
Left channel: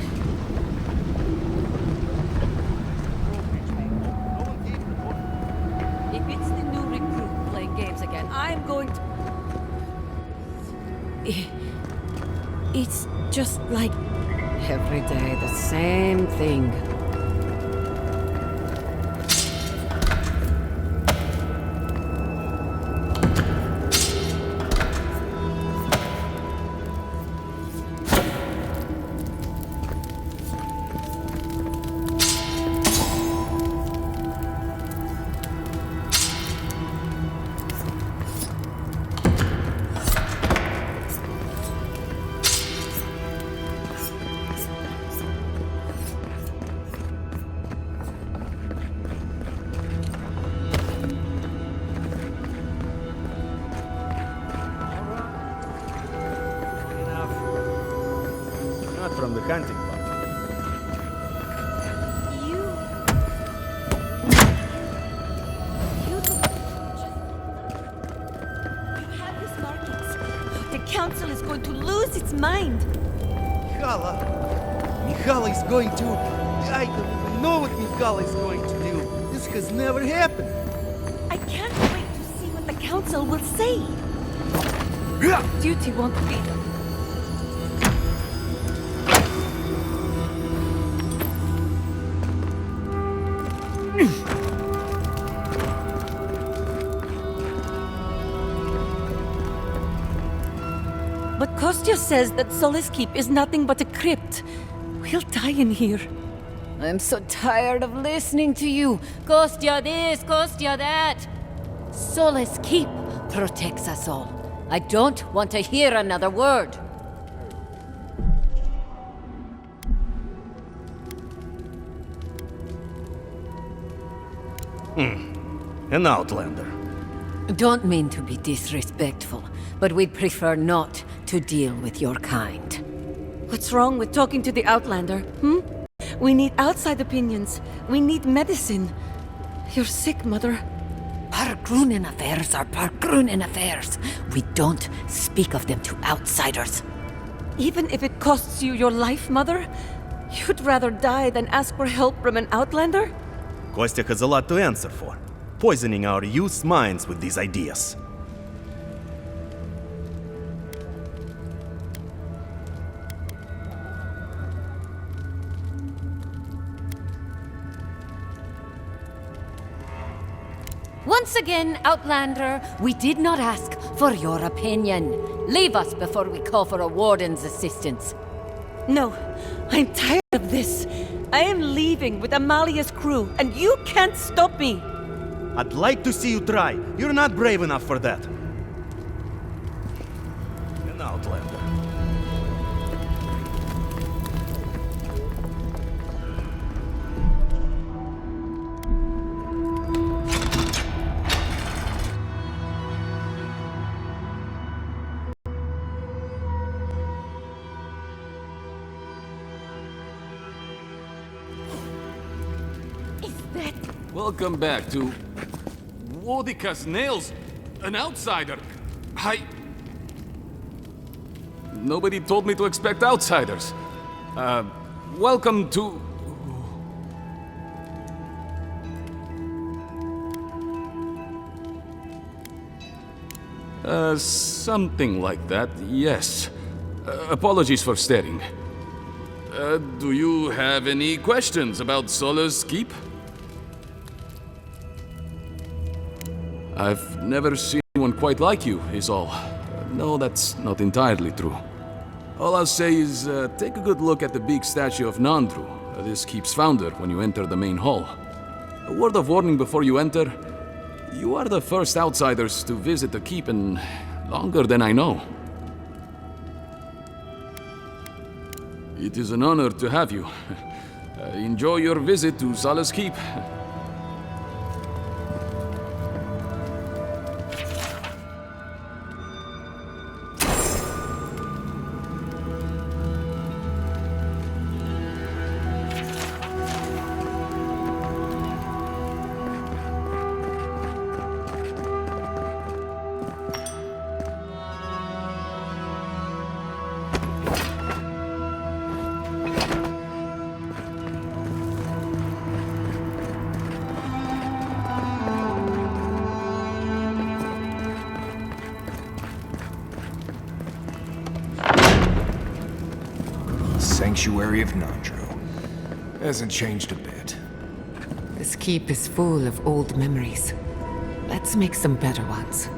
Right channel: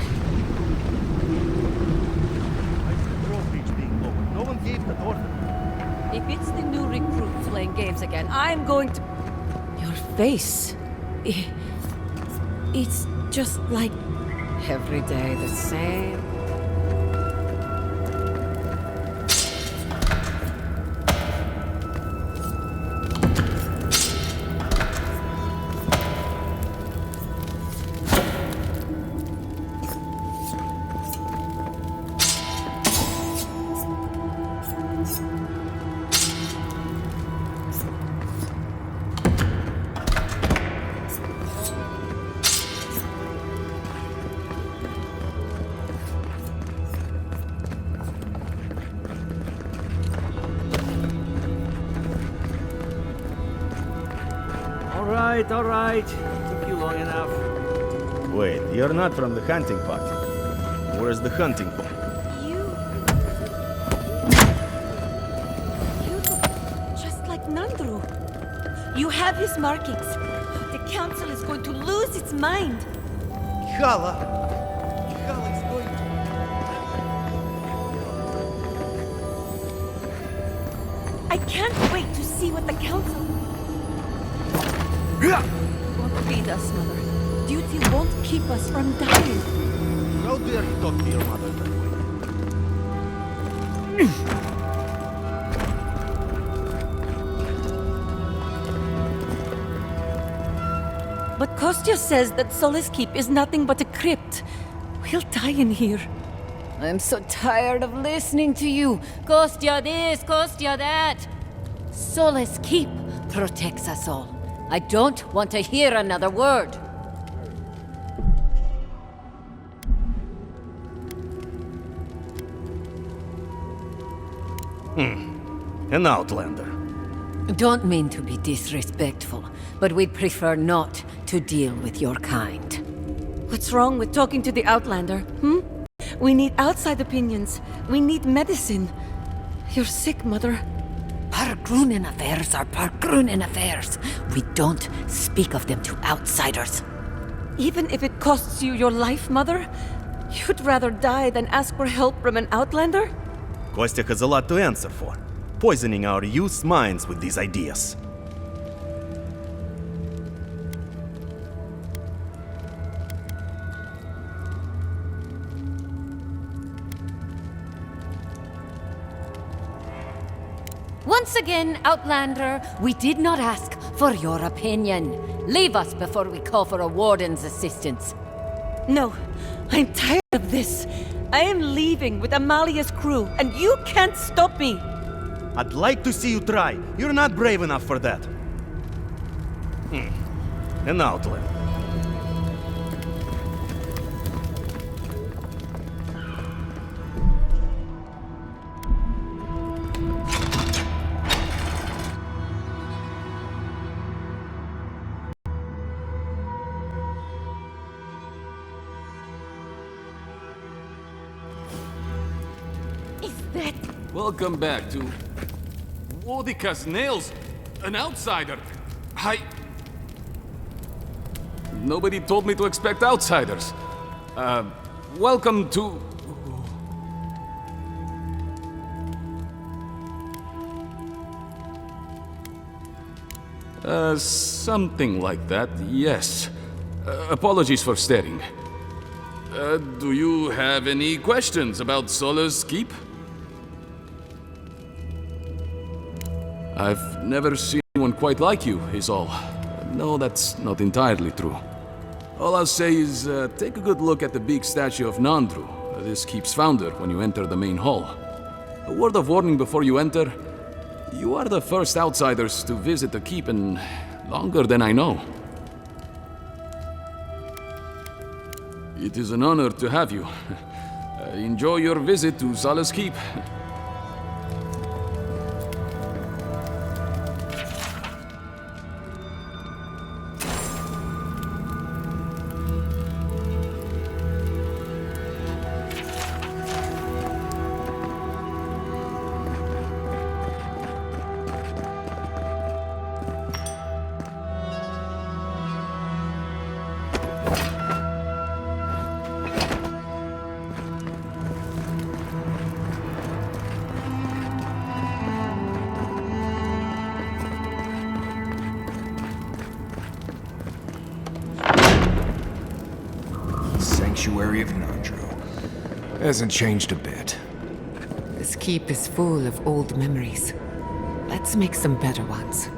If it's the new recruit playing games again, I'm going to... Your face. It's just like... Every day, the same thing. All right. Took you long enough. Wait, you're not from the hunting party. Where's the hunting party? You look just like Nandru. You have his markings. The council is going to lose its mind. Mihala is going to... I don't know what Mihala is going to do. This has never happened. I can't wait to see what the council will say. Duty won't feed us. Duty won't keep us from dying. How dare you talk to your mother? But Kostya says that Solace Keep is nothing but a crypt. We'll die in here. I'm so tired of listening to you. Kostya this, Kostya that. Solace Keep protects us all. I don't want to hear another word. An outlander. Don't mean to be disrespectful, but we'd prefer not to deal with your kind. What's wrong with talking to the Outlander, We need outside opinions. We need medicine. You're sick, Mother. Pargrunen affairs are Pargrunen affairs. We don't speak of them to outsiders. Even if it costs you your life, Mother? You'd rather die than ask for help from an Outlander? Kostya has a lot to answer for. Poisoning our youth's minds with these ideas. Once again, Outlander, we did not ask for your opinion. Leave us before we call for a warden's assistance. No, I'm tired of this. I am leaving with Amalia's crew, and you can't stop me. I'd like to see you try. You're not brave enough for that. An outlander. Welcome back to... Wodika's nails! An outsider! Nobody told me to expect outsiders. Welcome to... something like that, yes. Apologies for staring. Do you have any questions about Solace Keep? I've never seen anyone quite like you, is all. No, that's not entirely true. All I'll say is, take a good look at the big statue of Nandru, this keep's founder, when you enter the main hall. A word of warning before you enter. You are the first outsiders to visit the keep in longer than I know. It is an honor to have you. Enjoy your visit to Solace Keep. Sanctuary of Nandru. Hasn't changed a bit. This keep is full of old memories. Let's make some better ones.